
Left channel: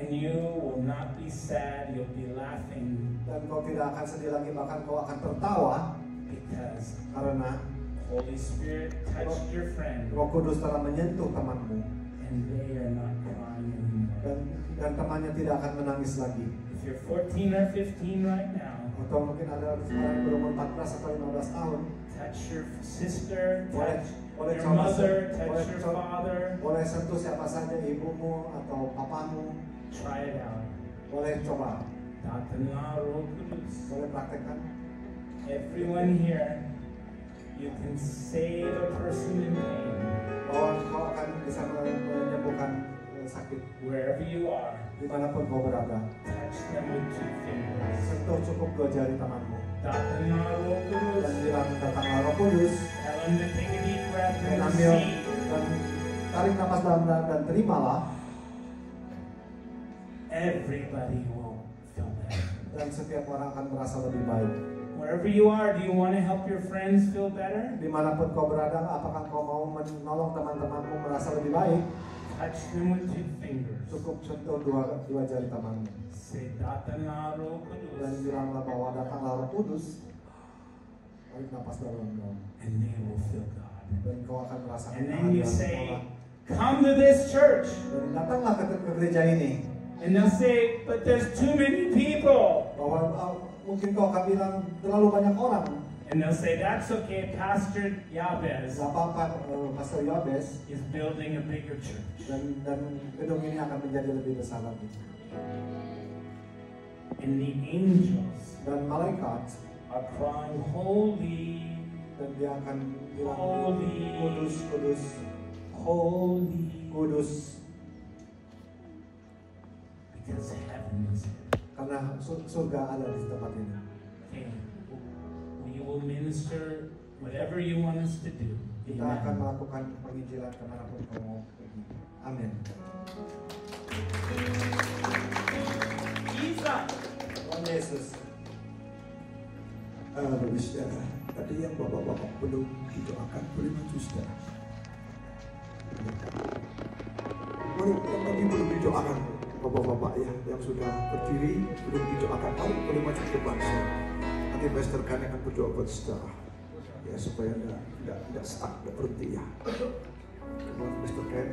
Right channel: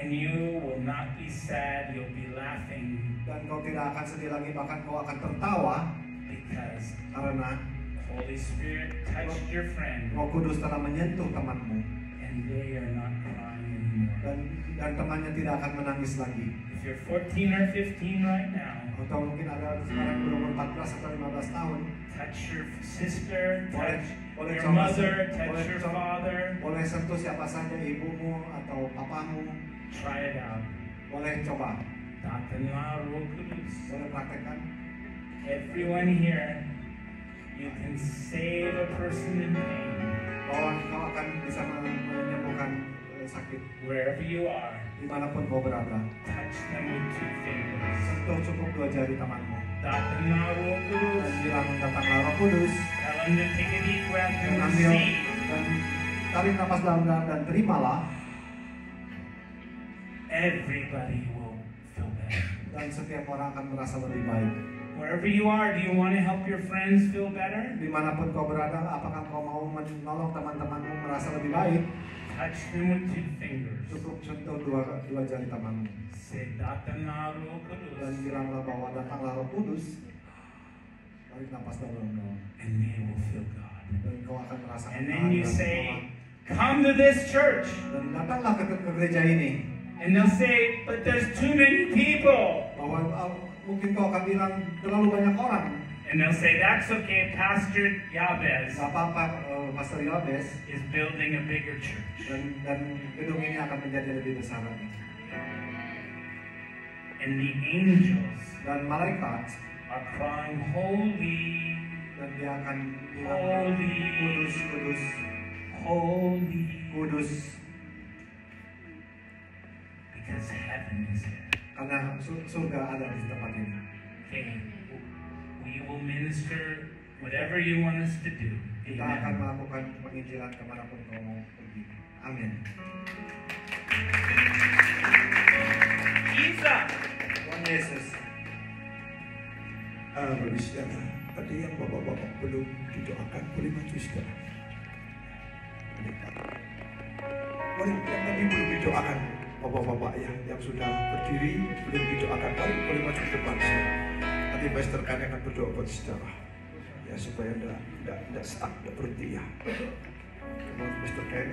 And you will not be sad, you'll be laughing. Dan kau tidak akan sedih lagi, bahkan kau akan tertawa. Because Karena Holy Spirit touched your friend Roh Kudus telah menyentuh temanmu. and they are not crying anymore. Dan temannya tidak akan menangis lagi. If you're 14 or 15 right now, Atau mungkin ada sekarang berumur 14 atau 15 tahun. touch your sister, touch Boleh your coba mother, boleh touch your coba- father. Boleh sentuh siapa saja, ibumu atau papamu. Try it out. Boleh coba, boleh praktekkan. Everyone here, you can save a person in pain Bahwa kau akan bisa menyembuhkan sakit wherever you are. dimanapun kau berada. Touch them with 2 fingers. Sentuh cukup 2 jari tanganmu. Dan Dan bilang datanglah Roh Kudus. tell them to take a deep breath Dan and ambil receive. dan tarik nafas dalam dan terimalah. Everybody will feel better. Dan setiap orang akan merasa lebih baik. Wherever you are, do you want to help your friends feel better? Dimanapun kau berada, apakah kau mau menolong teman-temanmu merasa lebih baik? Touch them with 2 fingers. Cukup sentuh dua jari tanganmu. Say, Datanaro Dan Kudus. bilanglah bahwa datanglah Roh Kudus. Tarik nafas dalam-dalam. And they will feel God. Dan kau akan merasakan And then you kehadiran say, Tuhan. come to this church. Dan datanglah ke gereja ini. And they'll say, but there's too many people. Bahwa mungkin kau akan bilang terlalu banyak orang. And they'll say, that's okay, Pastor Yabez Gak apa-apa, Pastor Yobes. is building a bigger church. Dan gedung ini akan menjadi lebih besar lagi. And the angels Dan malaikat are crying, holy, dan dia akan bilang Holy. kudus, kudus, holy. kudus. Because heaven is here. Karena surga ada di tempat ini. Okay, we will minister whatever you want us to do. Kita akan Amen. melakukan penginjilan kemanapun kau mau pergi. Amin. Jesus. Tuhan Yesus. Bapak saudara, tadi yang bapak-bapak belum didoakan, boleh maju saudara. Boleh yang tadi belum didoakan, bapak-bapak yang sudah berdiri belum didoakan, boleh maju ke depan saudara. Nanti Master kami akan berdoa buat saudara, ya supaya tidak stuck, tidak berhenti ya. Master Ken.